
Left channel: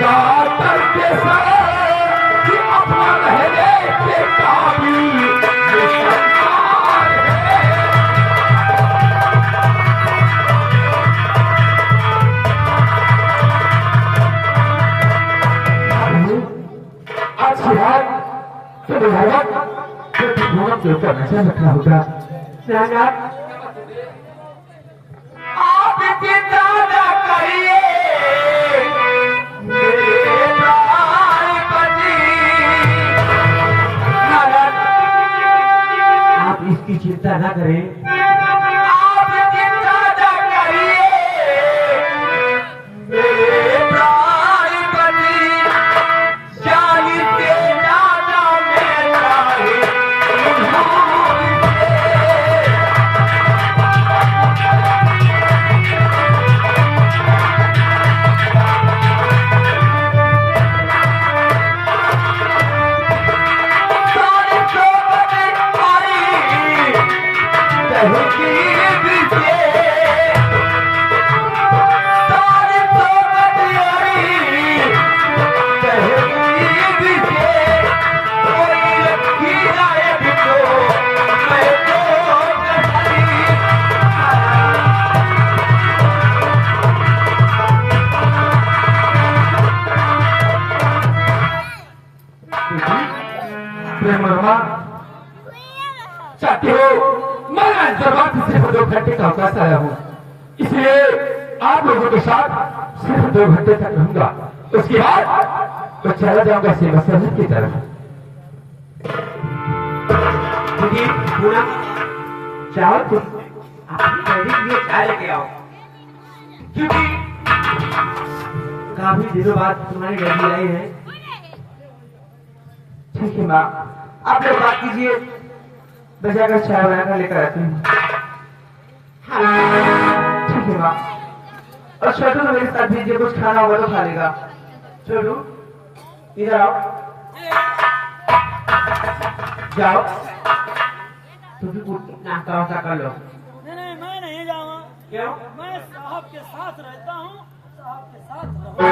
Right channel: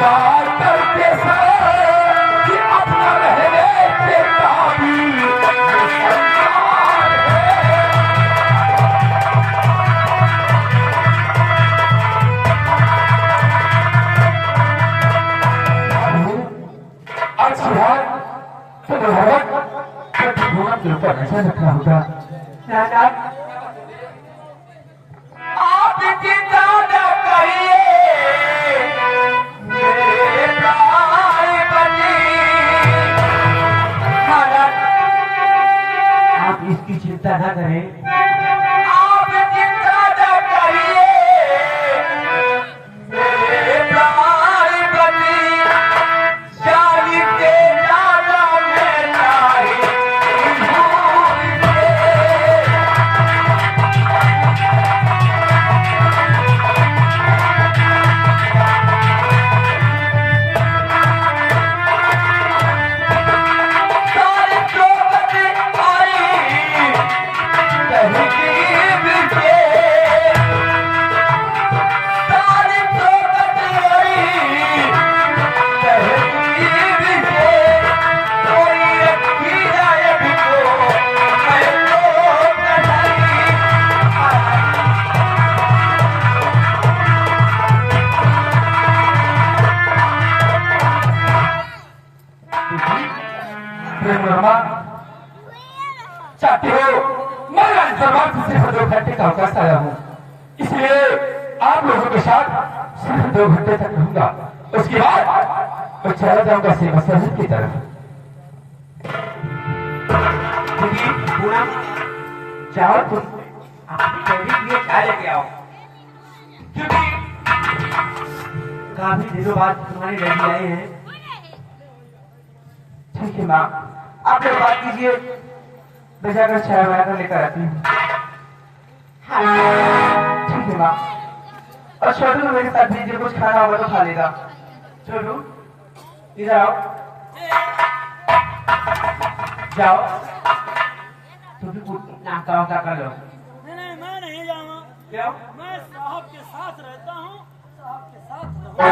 कातर के साथ कि अपना रहने के काबिल ये संसार है। अच्छा भाई तो भगवत तो दोनों के ऊपर नजर रखना होगा। आप चिंता न करिए मेरे भाई बनी। आप इसकी चिंता न करें। आप चिंता न करिए मेरे भाई बनी। जानी के दादा में जाए चाहते हो मैं राजदरबार से सिर्फ 2 घंटे का अवकाश आया हूँ, इसलिए आप लोगों के साथ सिर्फ 2 घंटे तक रहूंगा। उसके बाद तो चला जाऊंगा सेवा शहर की तरफ। दीदी पूनम चाहो तुम अपनी डैडी के लिए चाय लेके आओ, क्योंकि काफी दिनों बाद तुम्हारी डैडी आई है। ठीक है माँ, आप लोग बात कीजिए, मैं जाकर चाय बनाकर लेकर आती हूँ। ठीक है माँ। और छोटू को मेरे साथ भेजिए, कुछ खाना होगा तो खा लेगा। छोटू इधर आओ, जाओ तुम भी कुछ नाश्ता वास्ता कर लो। नहीं मैं नहीं जाऊंगा। क्यों? मैं साहब के साथ रहता हूँ, साहब के साथ रहूंगा।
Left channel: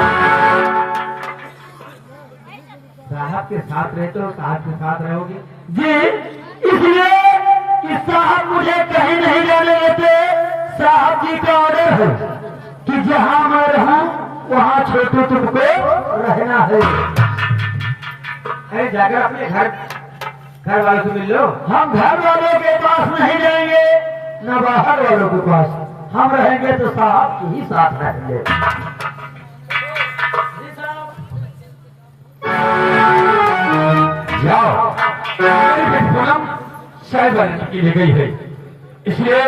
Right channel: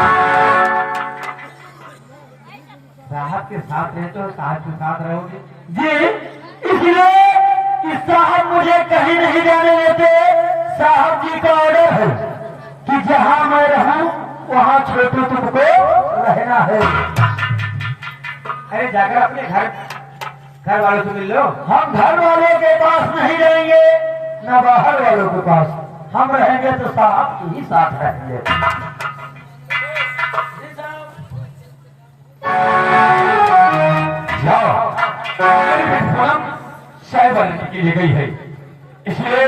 साहब के साथ रहते हो, साहब के साथ रहोगे जी इसलिए कि साहब मुझे कहीं नहीं जाने देते। साहब जी का ऑर्डर है कि जहां मैं रहूं वहां छोटू तुमको रहना है। अरे जाकर अपने घर वालों से मिल लो। हम घर वालों के पास नहीं जाएंगे न बाहर वालों के पास, हम रहेंगे तो साहब के ही साथ रहेंगे। जाओ पूनम चाय बनाने के लिए गई है, इसलिए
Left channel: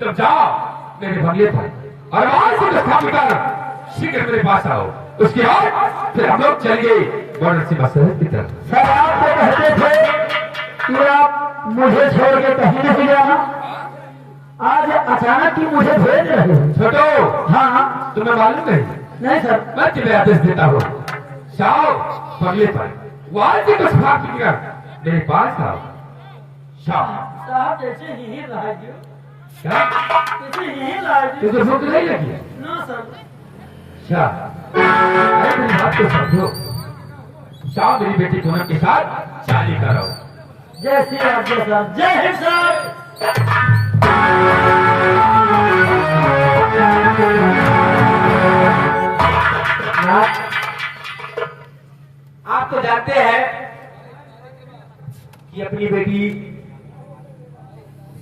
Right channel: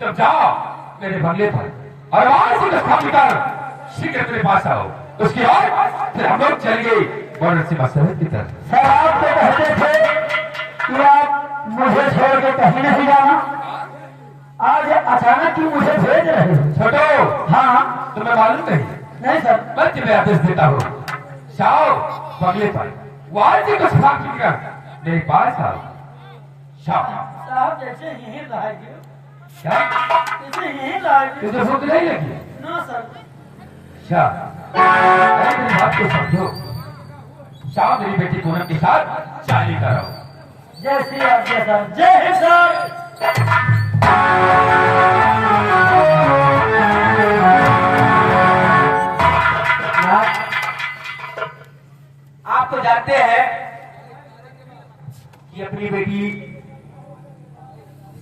तुम जाओ मेरे बंगले पर और आज से जो काम कर शीघ्र मेरे पास आओ। उसके बाद फिर हम लोग चलेंगे बॉर्डर से मसरत की तरफ। सर आप तो कहते थे कि आप मुझे छोड़ के कहीं नहीं जाना, आज अचानक ही मुझे भेज रहे हो। छोटो हाँ तुम्हें मालूम नहीं सर, मैं तुम्हें आदेश देता हूँ, जाओ बंगले पर वहां से कुछ खा पी कर मेरे पास आओ। साहब जैसे यही लाइए, क्या जैसे यही लाइए। तुझे भूख नहीं लगी है? ना सर। अच्छा अरे मेरी बात तो समझो, जाओ मेरी बेटी पूनम के साथ शादी कराओ। जय श्री राम सर। जय हिंद सर। आप तो जानते हैं कि अपनी बेटी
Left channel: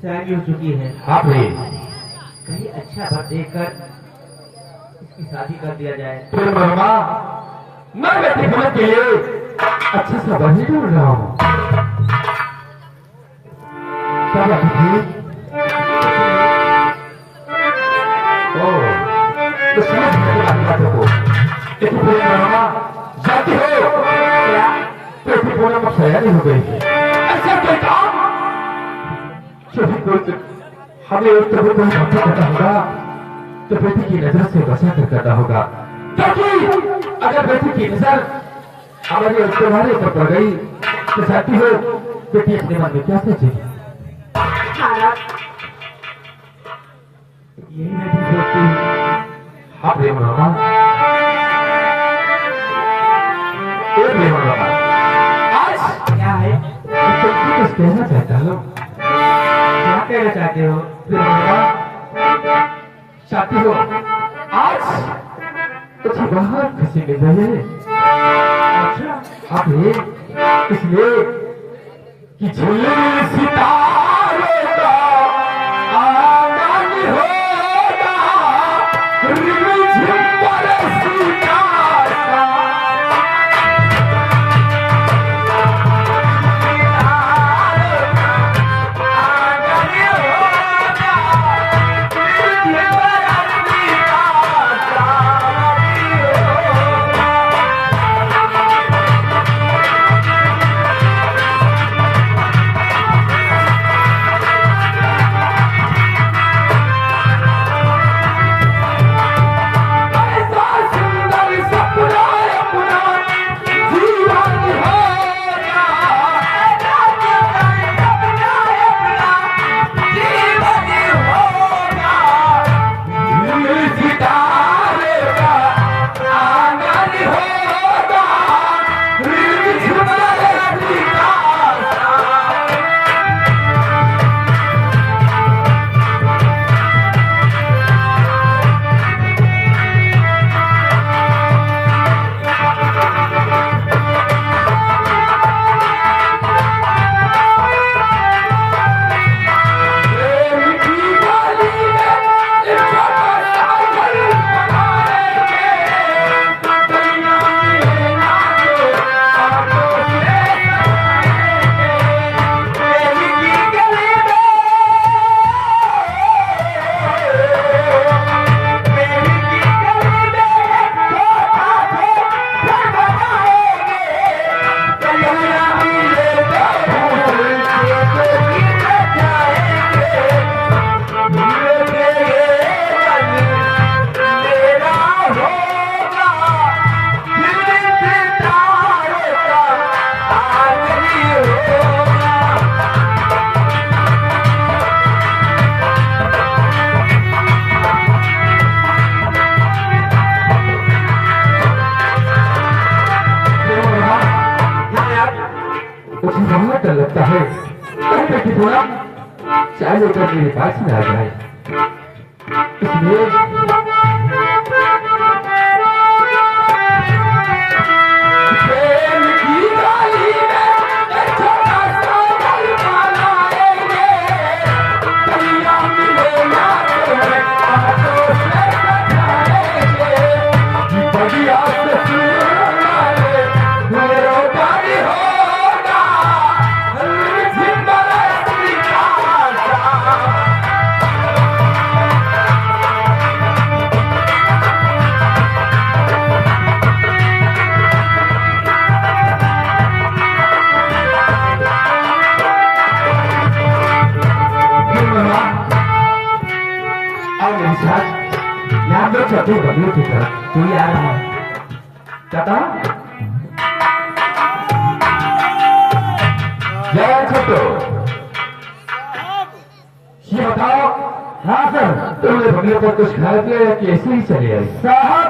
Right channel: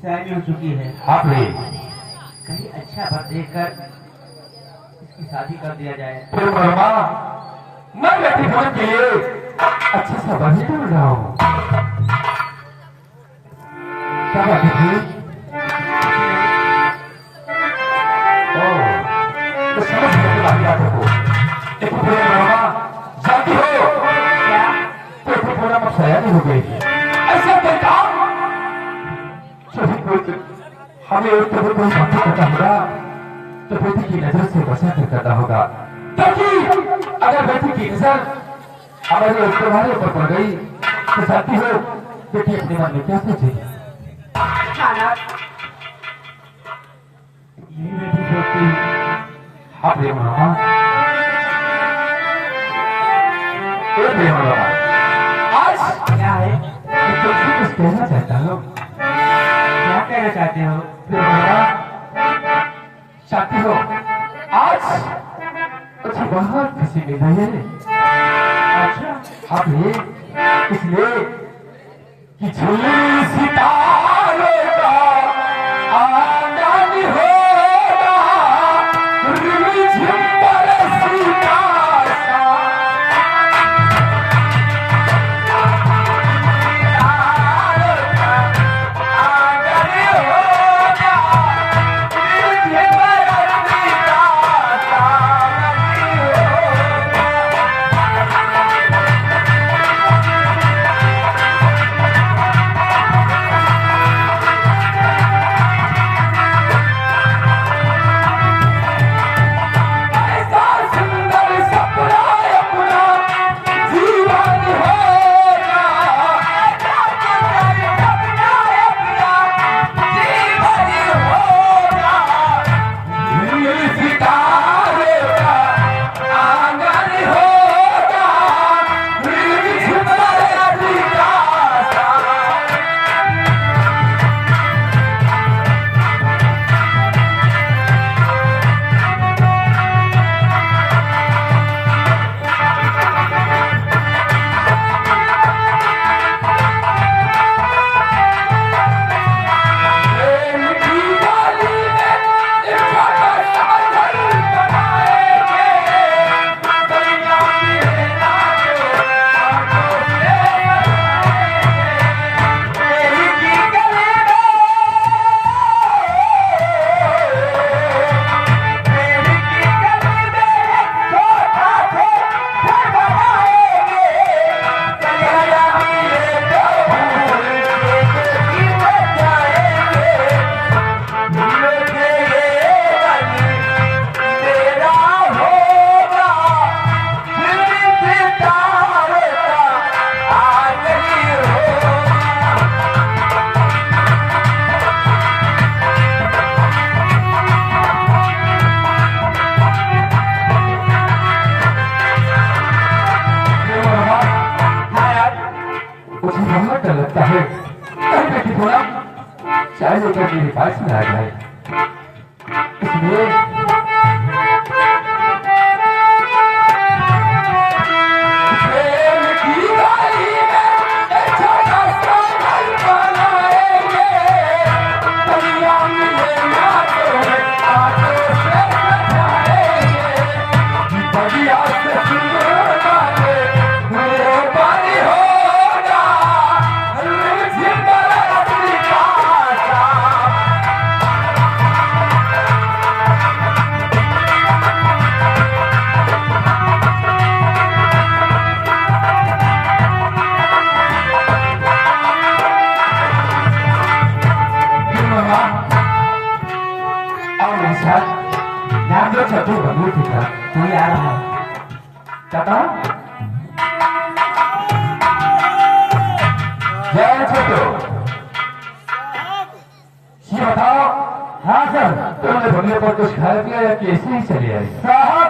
सयानी हो चुकी है। आप रही कहीं अच्छा भर देखकर इसकी शादी कर दिया जाए। प्रेम वर्मा, मैं बेटी पूनम के लिए अच्छा सा वही ढूंढ रहा हूँ। क्या बात है? तो समझ गए तुम्हारी बातों को। देखो प्रेम वर्मा, जाती हो क्या? बेटी पूनम अब सयानी हो गई है, ऐसा कोई काम जो भी कोई हमें एक कभी कोई बात करना होगा तो बेटी की नजर से बचा कर करना होगा, क्योंकि अगर बेटी की नजर हमारे तुम्हारे ऊपर पड़ गई तो जाती हो बेटी अपने मन में क्या सोचेगी? यही बेटी सोचती। हाँ प्रेम रामा, जरूरत नहीं होगा। आज क्या है मैं तुमसे कुछ कहना चाहता हूँ। क्या कहना चाहते हो फिर बाबा? चाहती हो आज कुछ बहुत खुशी मिल रही है। अच्छा अब ये इसलिए कि झूले सितारों का आंगन होगा, रिमझिम बरसता सा। लगता है कि थोड़ा चाय लेकर मेरे पास में आ जाए, इसलिए छोटे बदले की तरफ तू आ रहा है क्या? जय छोटो, ये बताओ। हाँ सर, तुमने बंगले पर कुछ खाया पिया या कि ऐसे ही चले आए? साहब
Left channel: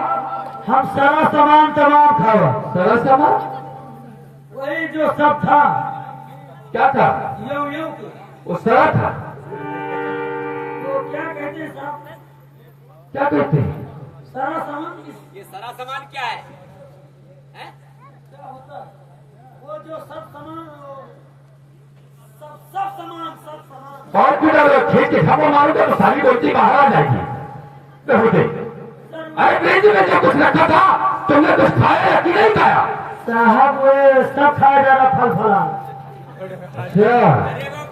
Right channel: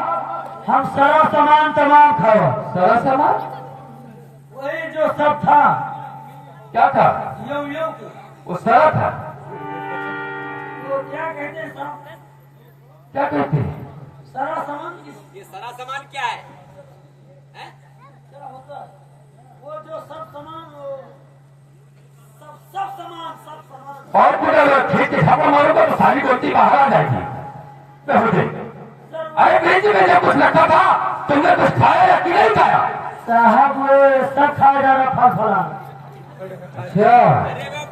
हम सारा सामान तमाम था। सारा सामान वही जो सब था। क्या था? यो वो सारा था। तो क्या कहते हैं साहब? क्या कहते हैं? सारा सामान। ये सारा सामान क्या है? हैं? क्या होता है? वो जो सब सामान, सब सामान। और कुछ अगर खेत के सब मारूंगा तो सारी गोटी बाहर आ जाएगी। अरे फ्रिज में जब कुछ रखा था तुमने कुछ खाया या कि नहीं खाया? साहब सब खाया जा रहा फल फला। अच्छा अरे वो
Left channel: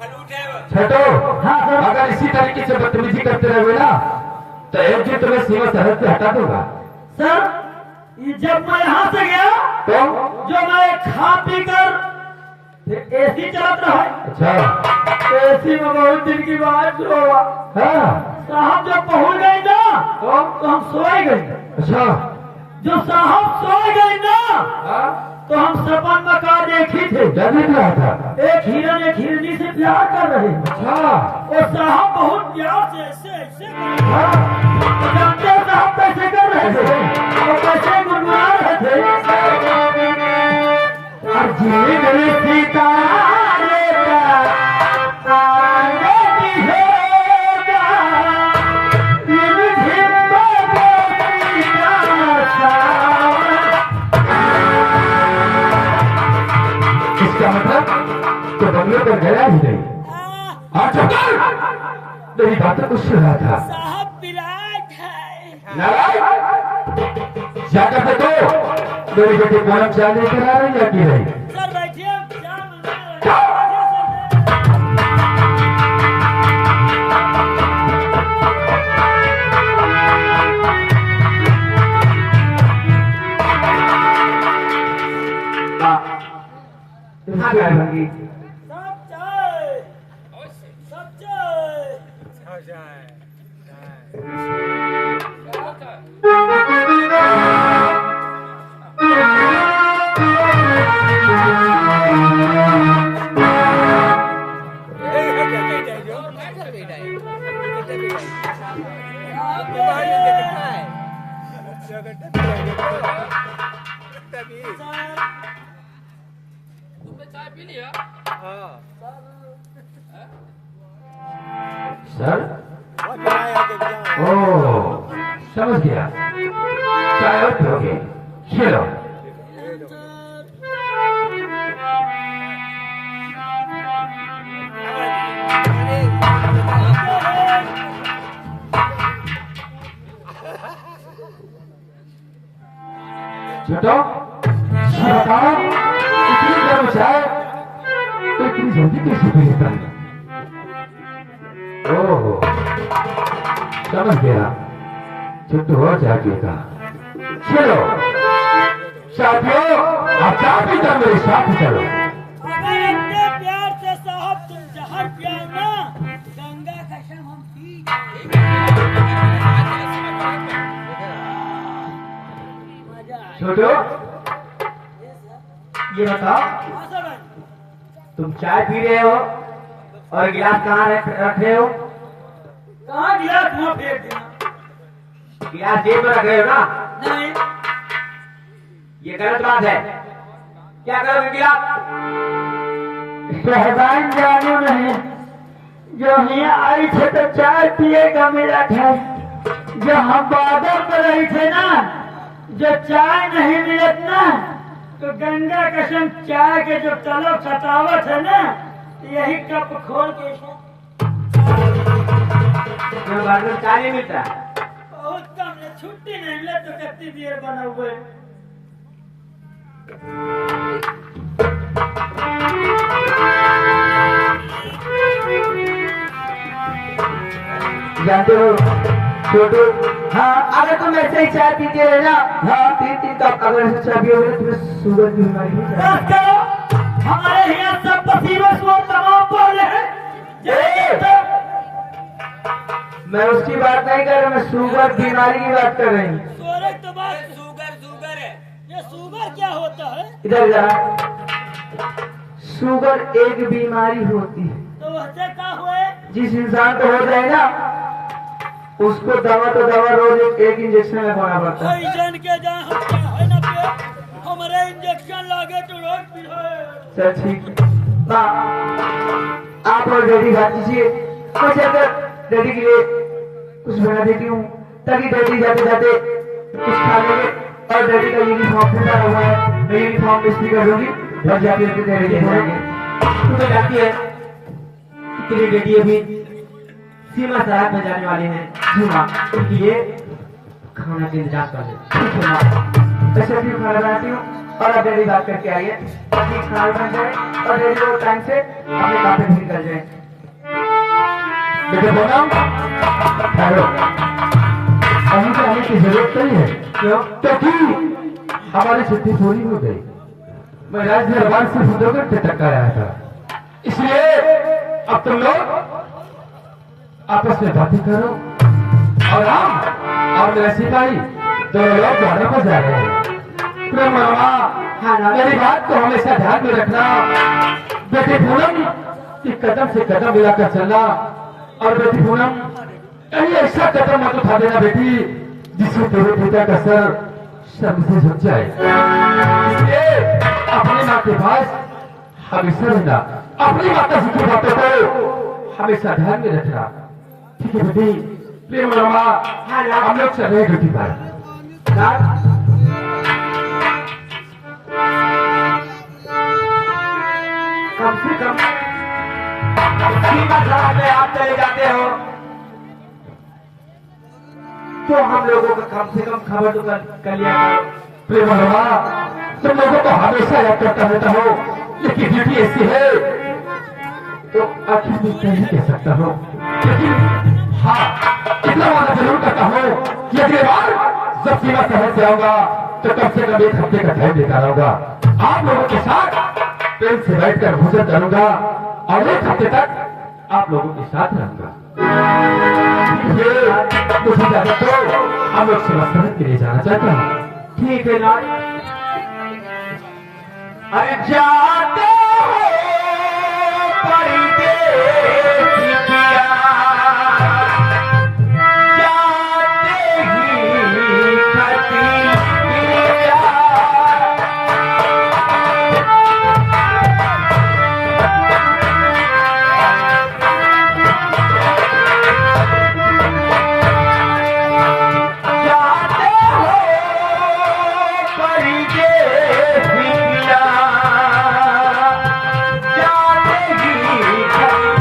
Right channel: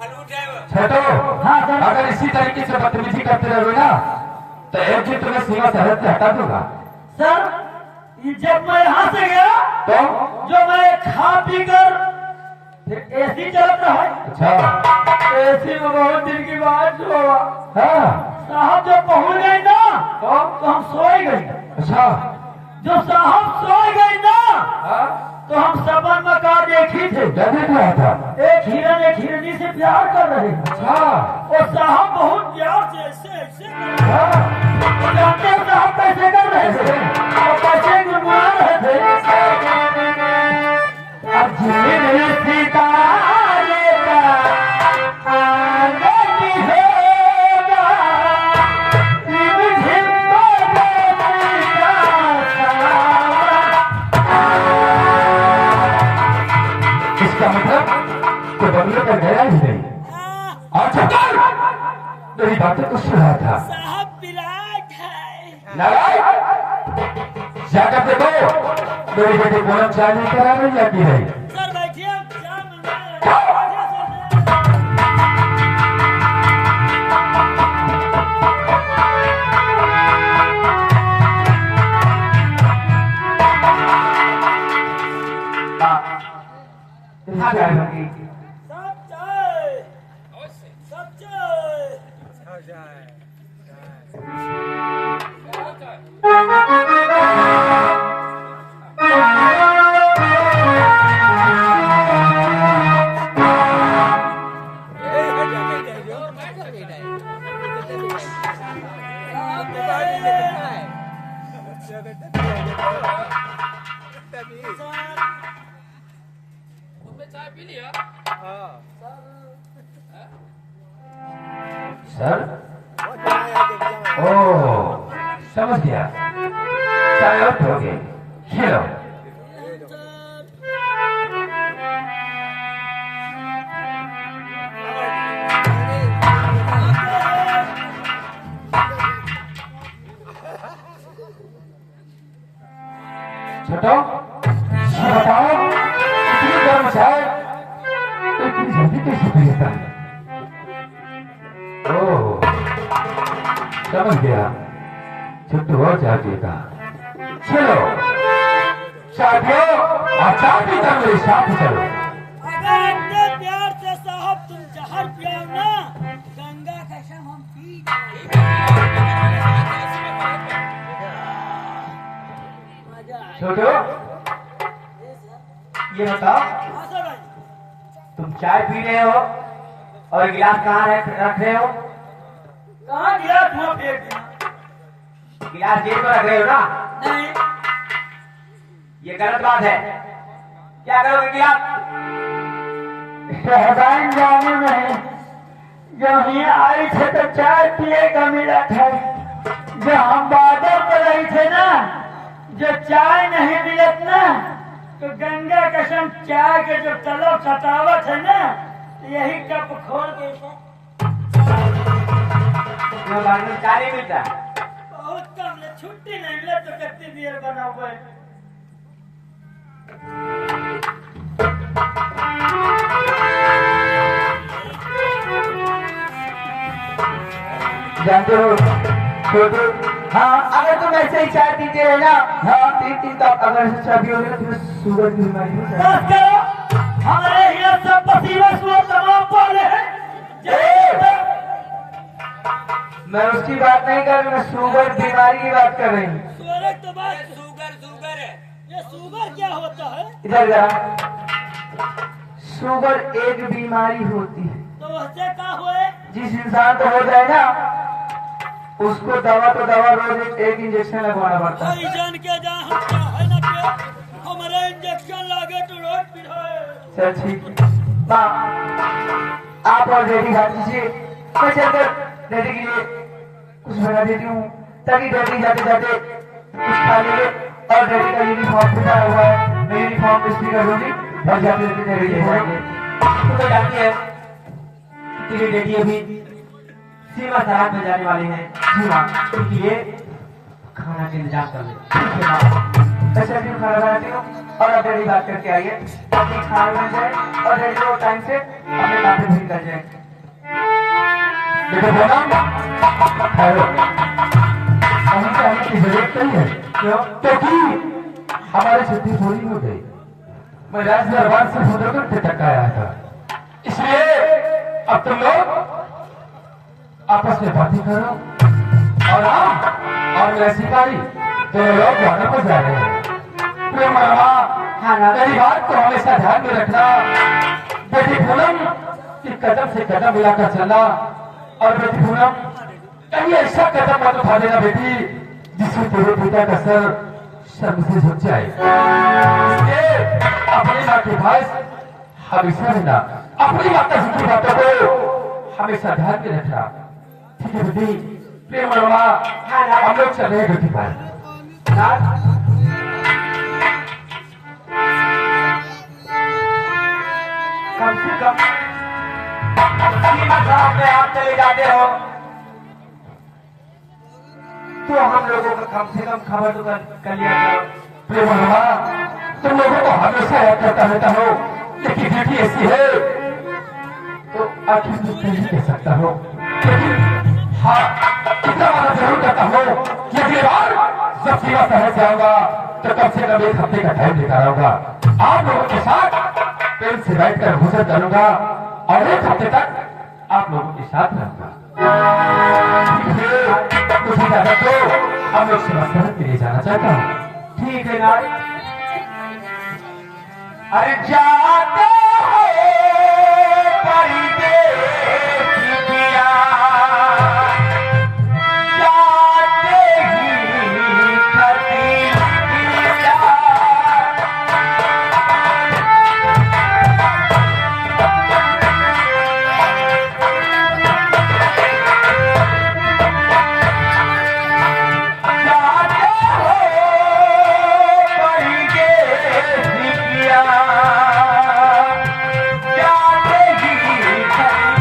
फलूट है वो। छेटो, हाँ सर। अगर इसी तरीके से बदतमीजी करते रहोगे ना तो एक दिन तुम्हें सीमा सरहद से हटा दूंगा। सर जब मैं यहाँ से गया तो जो मैं खा पी कर एसी चलत रहा। अच्छा एसी में बहुत दिन की बात हुआ। हाँ साहब जब पहुँच गए ना तो हम सोए गए। अच्छा जो साहब सोए गए ना हाँ तो हम सपन मकान देखी थे। क्या देख रहा था? एक हिरन एक हिरनी से प्यार कर रहे थे। अच्छा और साहब बहुत प्यार से ऐसे हाँ जानते हो साहब कैसे कर रहे थे और कैसे गुनगुना रहे थे। बंगले पर गया ही नहीं। आज मेरी बातें तो सुन रहा था। साहब विराट है। नारायण जाकर देखो मेरी बेटी पूनम चाय लेकर आ रही है कि नहीं। सर बैठिए, क्या मिल यहाँ क्या होगी? सब चाय, सब चाय। सर ओह समझ गया, चाय और पियोगे, ये लो। छोटो ये बताओ इतनी गर्म चाय तो इतनी जल्दी कैसे पी लेता है? ओह समझ गया, छुट्टी हो जाएगा। चलो चाय पियो और चाय पी कर मेरे साथ चलो। अगर इतने प्यार से साहब तुम जहर पियाओ ना, गंगा कसम हम पी मजा आए। छोटो ये बताओ, हाँ सर भाई। तुम चाय पी रहे हो और गिलास कहाँ रख रहे हो? कहाँ गिरा धुआं फेंक दिया? गिलास जेब में रख रहे हो ना? नहीं, ये गलत बात है। क्या करोगे गिलास? साहबान जानो नहीं, जब यहाँ आई थे तो चाय पिए का मिला था। जब हम बादल पर रहे थे ना, जो चाय नहीं मिलत ना, तो गंगा कसम चाय के जो तलब सतावत है ना, यही कप खोल के बाद में चाय नहीं मिलता। बहुत कम है, छुट्टी नहीं मिले तो कितनी देर बना हुए। जानते हो छोटू, हाँ अगर तुम ऐसे ही चाय पीते रहे ना, हाँ पीती तो अगर ऐसे चाय पियोगे तो तुम्हें शुगर की बीमारी हो जाएगी। बस करो, हमारे यहाँ सब पसीने सुबह तमाम बोले हैं। मैं उसकी बात नहीं कर रहा, मैं शुगर बीमारी की बात कर रही हूँ। सूरज तो बात, शुगर शुगर है। ये शुगर क्या होता है? इधर जा। शुगर एक बीमारी होती है, तो वैसे क्या हुए? जिस इंसान को हो जाए ना, उसको दवा तो दवा रोज एक इंजेक्शन लगवाना पड़ता है। भाई जान के जा, हम क्या है ना पे हमारे इंजेक्शन लागे तो रोज पिलाए। चल ठीक है। आप और डैडी खा दीजिए, मैं जाकर डैडी के लिए कुछ बना देती हूँ, ताकि डैडी जाते जाते कुछ खा लेंगे। और डैडी का यूनिफॉर्म भी पड़ा हुआ है, मैं यूनिफॉर्म इस्त्री कर दूंगी और जाते जाते डैडी ले जाएंगे। तो जाती है कि डैडी अभी सीमा सड़क में जाने वाले हैं, सीमा, इसलिए खाना के इंतजार कर ले। ठीक है माँ, जैसे अभी खाना बनाती हूँ और अब डैडी बात करके आइए, ताकि खाने बन जाए और डैडी को टाइम से अपने काम पे भी कर जाए। बेटा बोला हेलो, हमें आने की जरूरत नहीं है। क्यों? क्योंकि हमारी छुट्टी पूरी हो गई। मैं राज दरबार से 15 घंटे तक आया था, इसलिए अब तुम लोग आपस में बातें करो। और हम और मैं सिपाही दोनों लोग गाना पर जा रहे हैं। प्रेम हाँ ना, मेरी बात को हमेशा ध्यान में रखना। बेटी पूनम की कदम से कदम मिलाकर चलना, और बेटी पूनम कहीं ऐसा कदम मत उठा देना बेटी जिससे तेरे पिता का सर शर्म से झुक जाए। इसलिए अपनी माँ के पास हमेशा रहना, अपनी माता की बातों को हमेशा ध्यान में रखना। ठीक है बेटी? प्रेम रमा, हम लोग चले बेटी पर। कम से कम साथ में आप चले जाते हो तो हम लोगों को कम से कम खबर तो कर लिया करो। बाबा तुम लोगों को हमेशा याद करता रहता हो, लेकिन ड्यूटी ऐसी है तो आखिर मैं नहीं कह सकता हूँ, लेकिन हाँ इतना वादा जरूर करता हूँ कि अगली बार जब सेवा समझ जाऊंगा तो कम से कम 1 हफ्ते का टाइम लेकर आऊंगा। आप लोगों के साथ ट्रेन से बैठकर भोजन करूंगा और 1 हफ्ते तक आप लोगों के साथ रहूंगा। मुझे ज्यादा तो हम लोग सेवा समझ के लिए जाना चाहता हूँ। ठीक है ना। अरे जाते हो परदेस किया, जाते ही कटी किया। जाते हो परदेस किया, जाते ही कटी।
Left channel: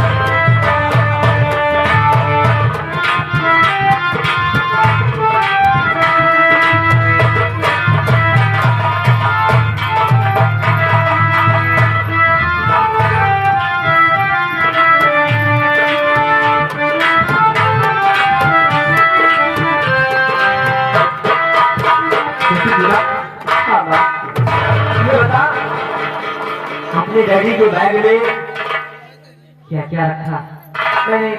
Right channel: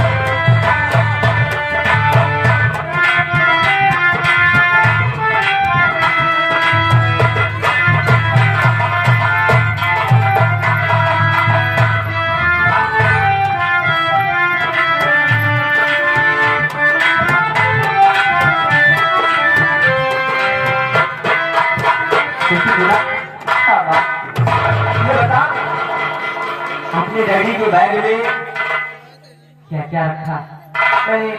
ये बता, अपने डैडी के बैग में क्या क्या रखा? मैंने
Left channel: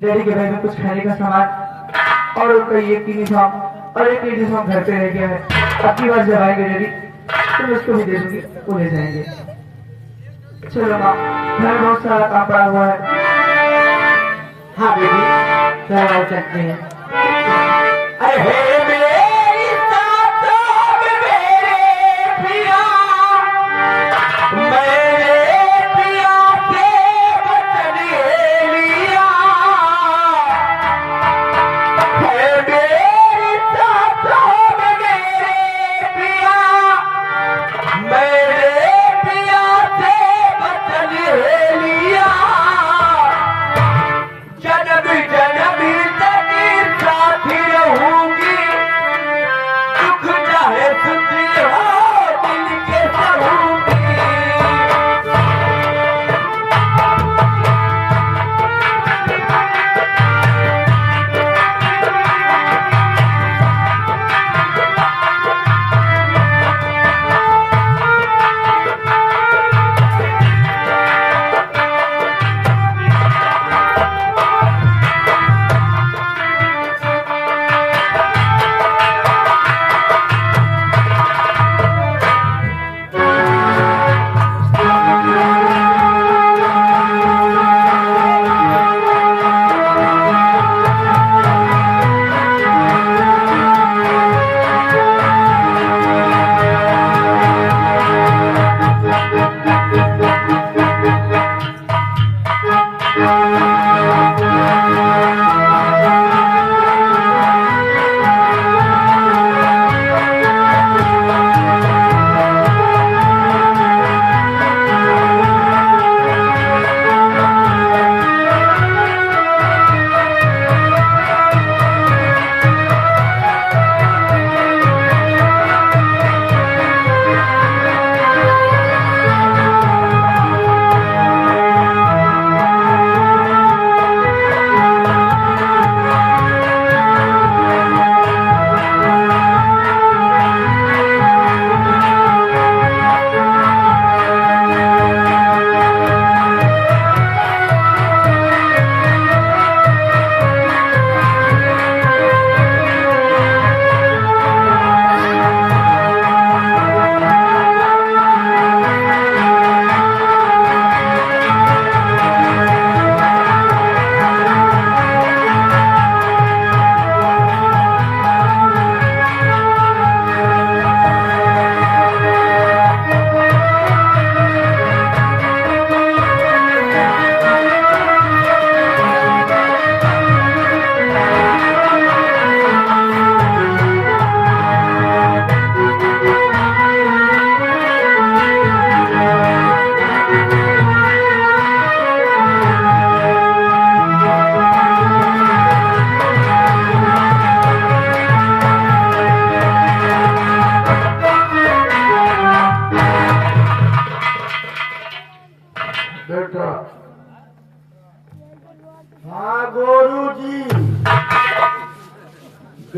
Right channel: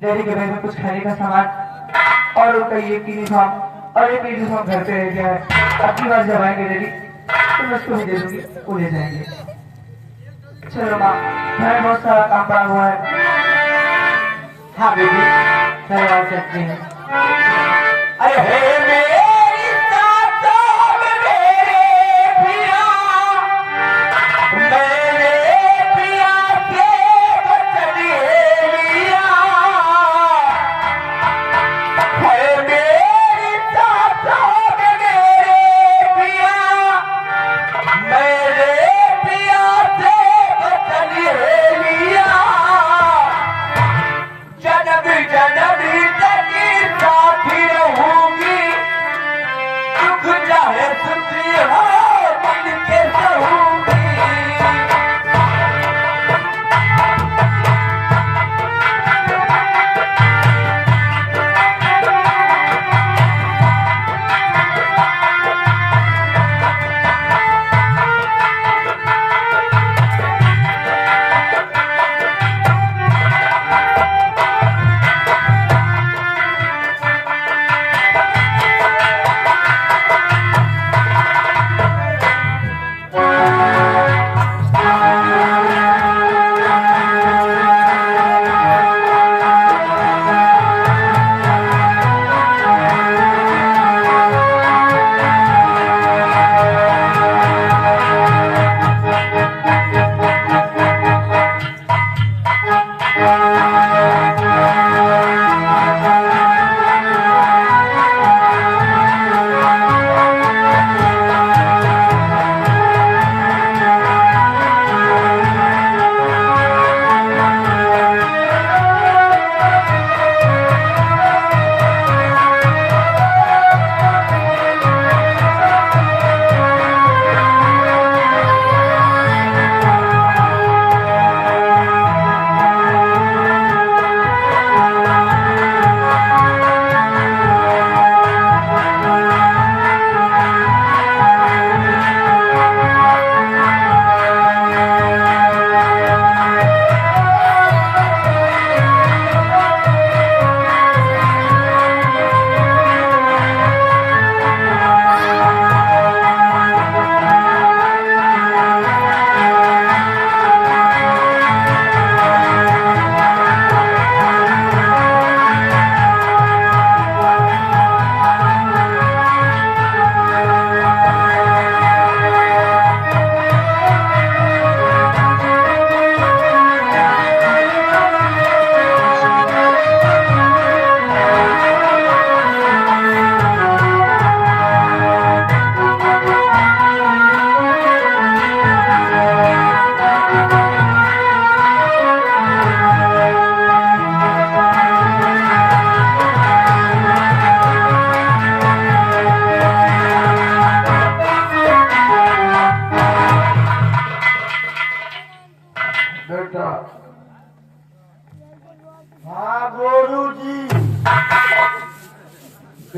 डैडी के बैग में कुछ खाने का सामान और उनका ये यूनिफॉर्म और एक यूनिफॉर्म घर पे रह गया है। अगली बार जब आएंगे डैडी तो मैं उसको भी दे दूंगी, वो ले जाएंगे। चलो माँ, घर में बहुत सारा काम पड़ा हुआ है। हाँ बेबी, घर आ सकते हैं। अरे हे मेरी सासों में मेरे पिया, मेरे पिया के वचन लिया। हे मेरी सासों में मेरे पिया, मेरे पिया से वचन लिया। जन्म जन्म तक साथी रहूंगी, दुख चाहे सुख हो मिल के सहूंगी।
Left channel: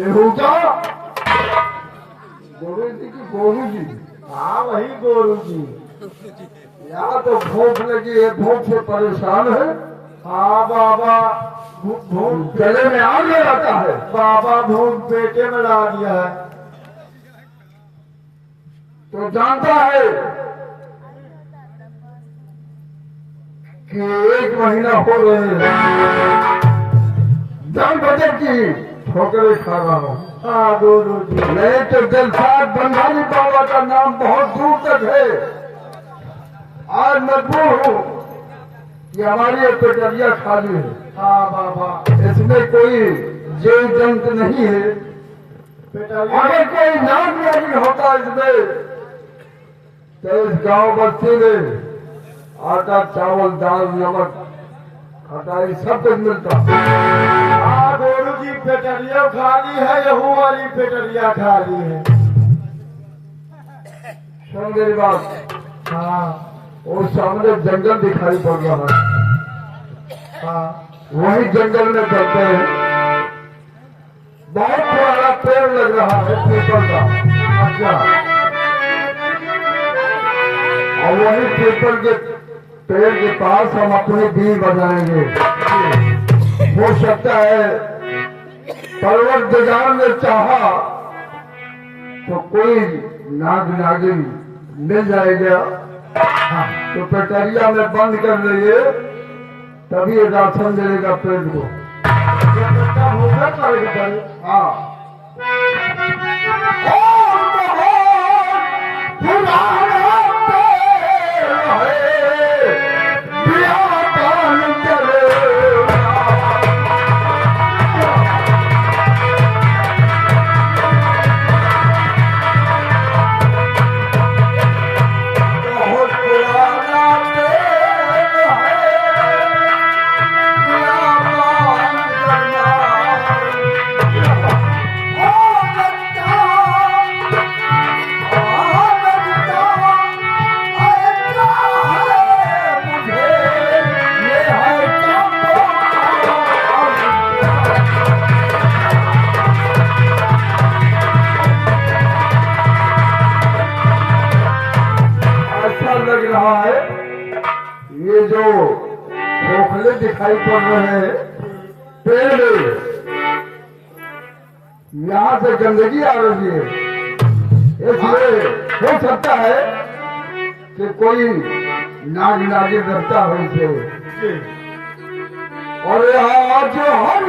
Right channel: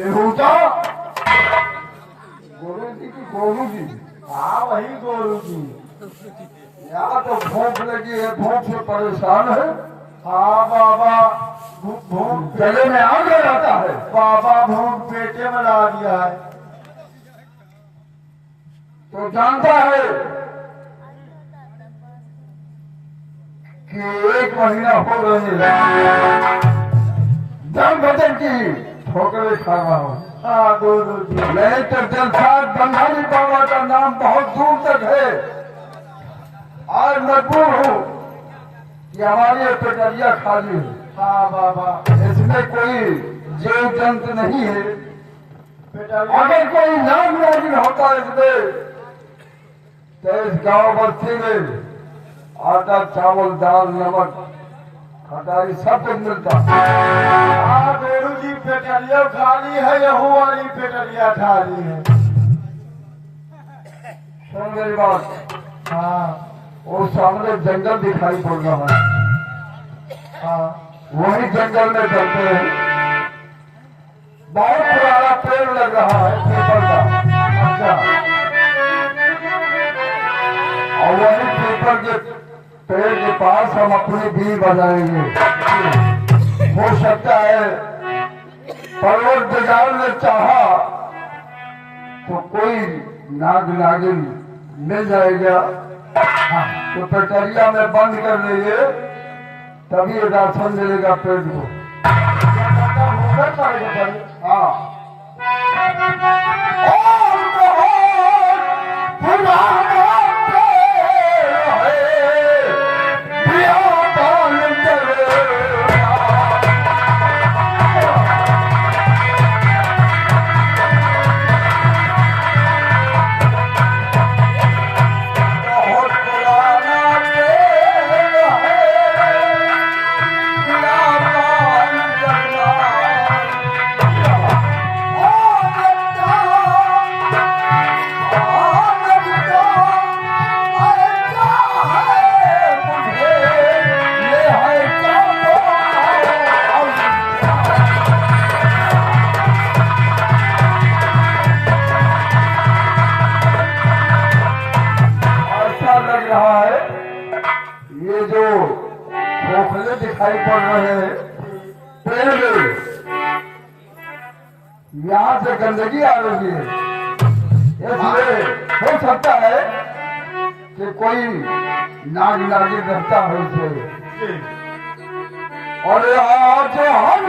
बेहूदा गुरु जी की गोरू जी। हाँ वही गोरू जी। यहाँ तो भूख लगी है, भूख से परेशान है। हाँ बाबा भूख गले में आग लगाता है। बाबा भूख पेटे में ला दिया है। तो जानता है कि 1 महीना हो गए दर बदर की ठोकरें खा रहा हूँ। हाँ गुरु जी। नहीं तो दिलसाद बंधारी बाबा का नाम बहुत दूर तक है। आज मजबूर हूँ कि हमारी ये पेटरिया खाली है। हाँ बाबा। इसमें कोई जीव जंत नहीं है। अगर कोई नाम मौजूद होता इसमें तो इस गांव बस्ती में आटा चावल दाल नमक खटाई सब कुछ मिलता। हाँ गोरू जी पेटरिया खाली है, यहू वाली पेटरिया खाली है। सुन मेरी बात। हाँ वो सामने जंगल दिखाई पड़ रहा है। हाँ वही जंगल में चलते हैं। बहुत पुराना पेड़ लग रहा है पीपल का। अच्छा और वही पीपल के पेड़ के पास हम अपनी बीड़ बनाएंगे। हो सकता है परवरदिगार ने चाहा तो कोई नाग नागिन मिल जाएगा। हाँ, तो पेटरिया में बंद कर लीजिए तभी राशन मिलेगा पेट को। होगा पड़ेगा। हाँ लग रहा है ये जो खोखले दिखाई पड़ रहे हैं पेड़, यहाँ से गंदगी आ रही है। इसलिए हो सकता है कि कोई नाग नागिन रहता हो इसे। और आज हम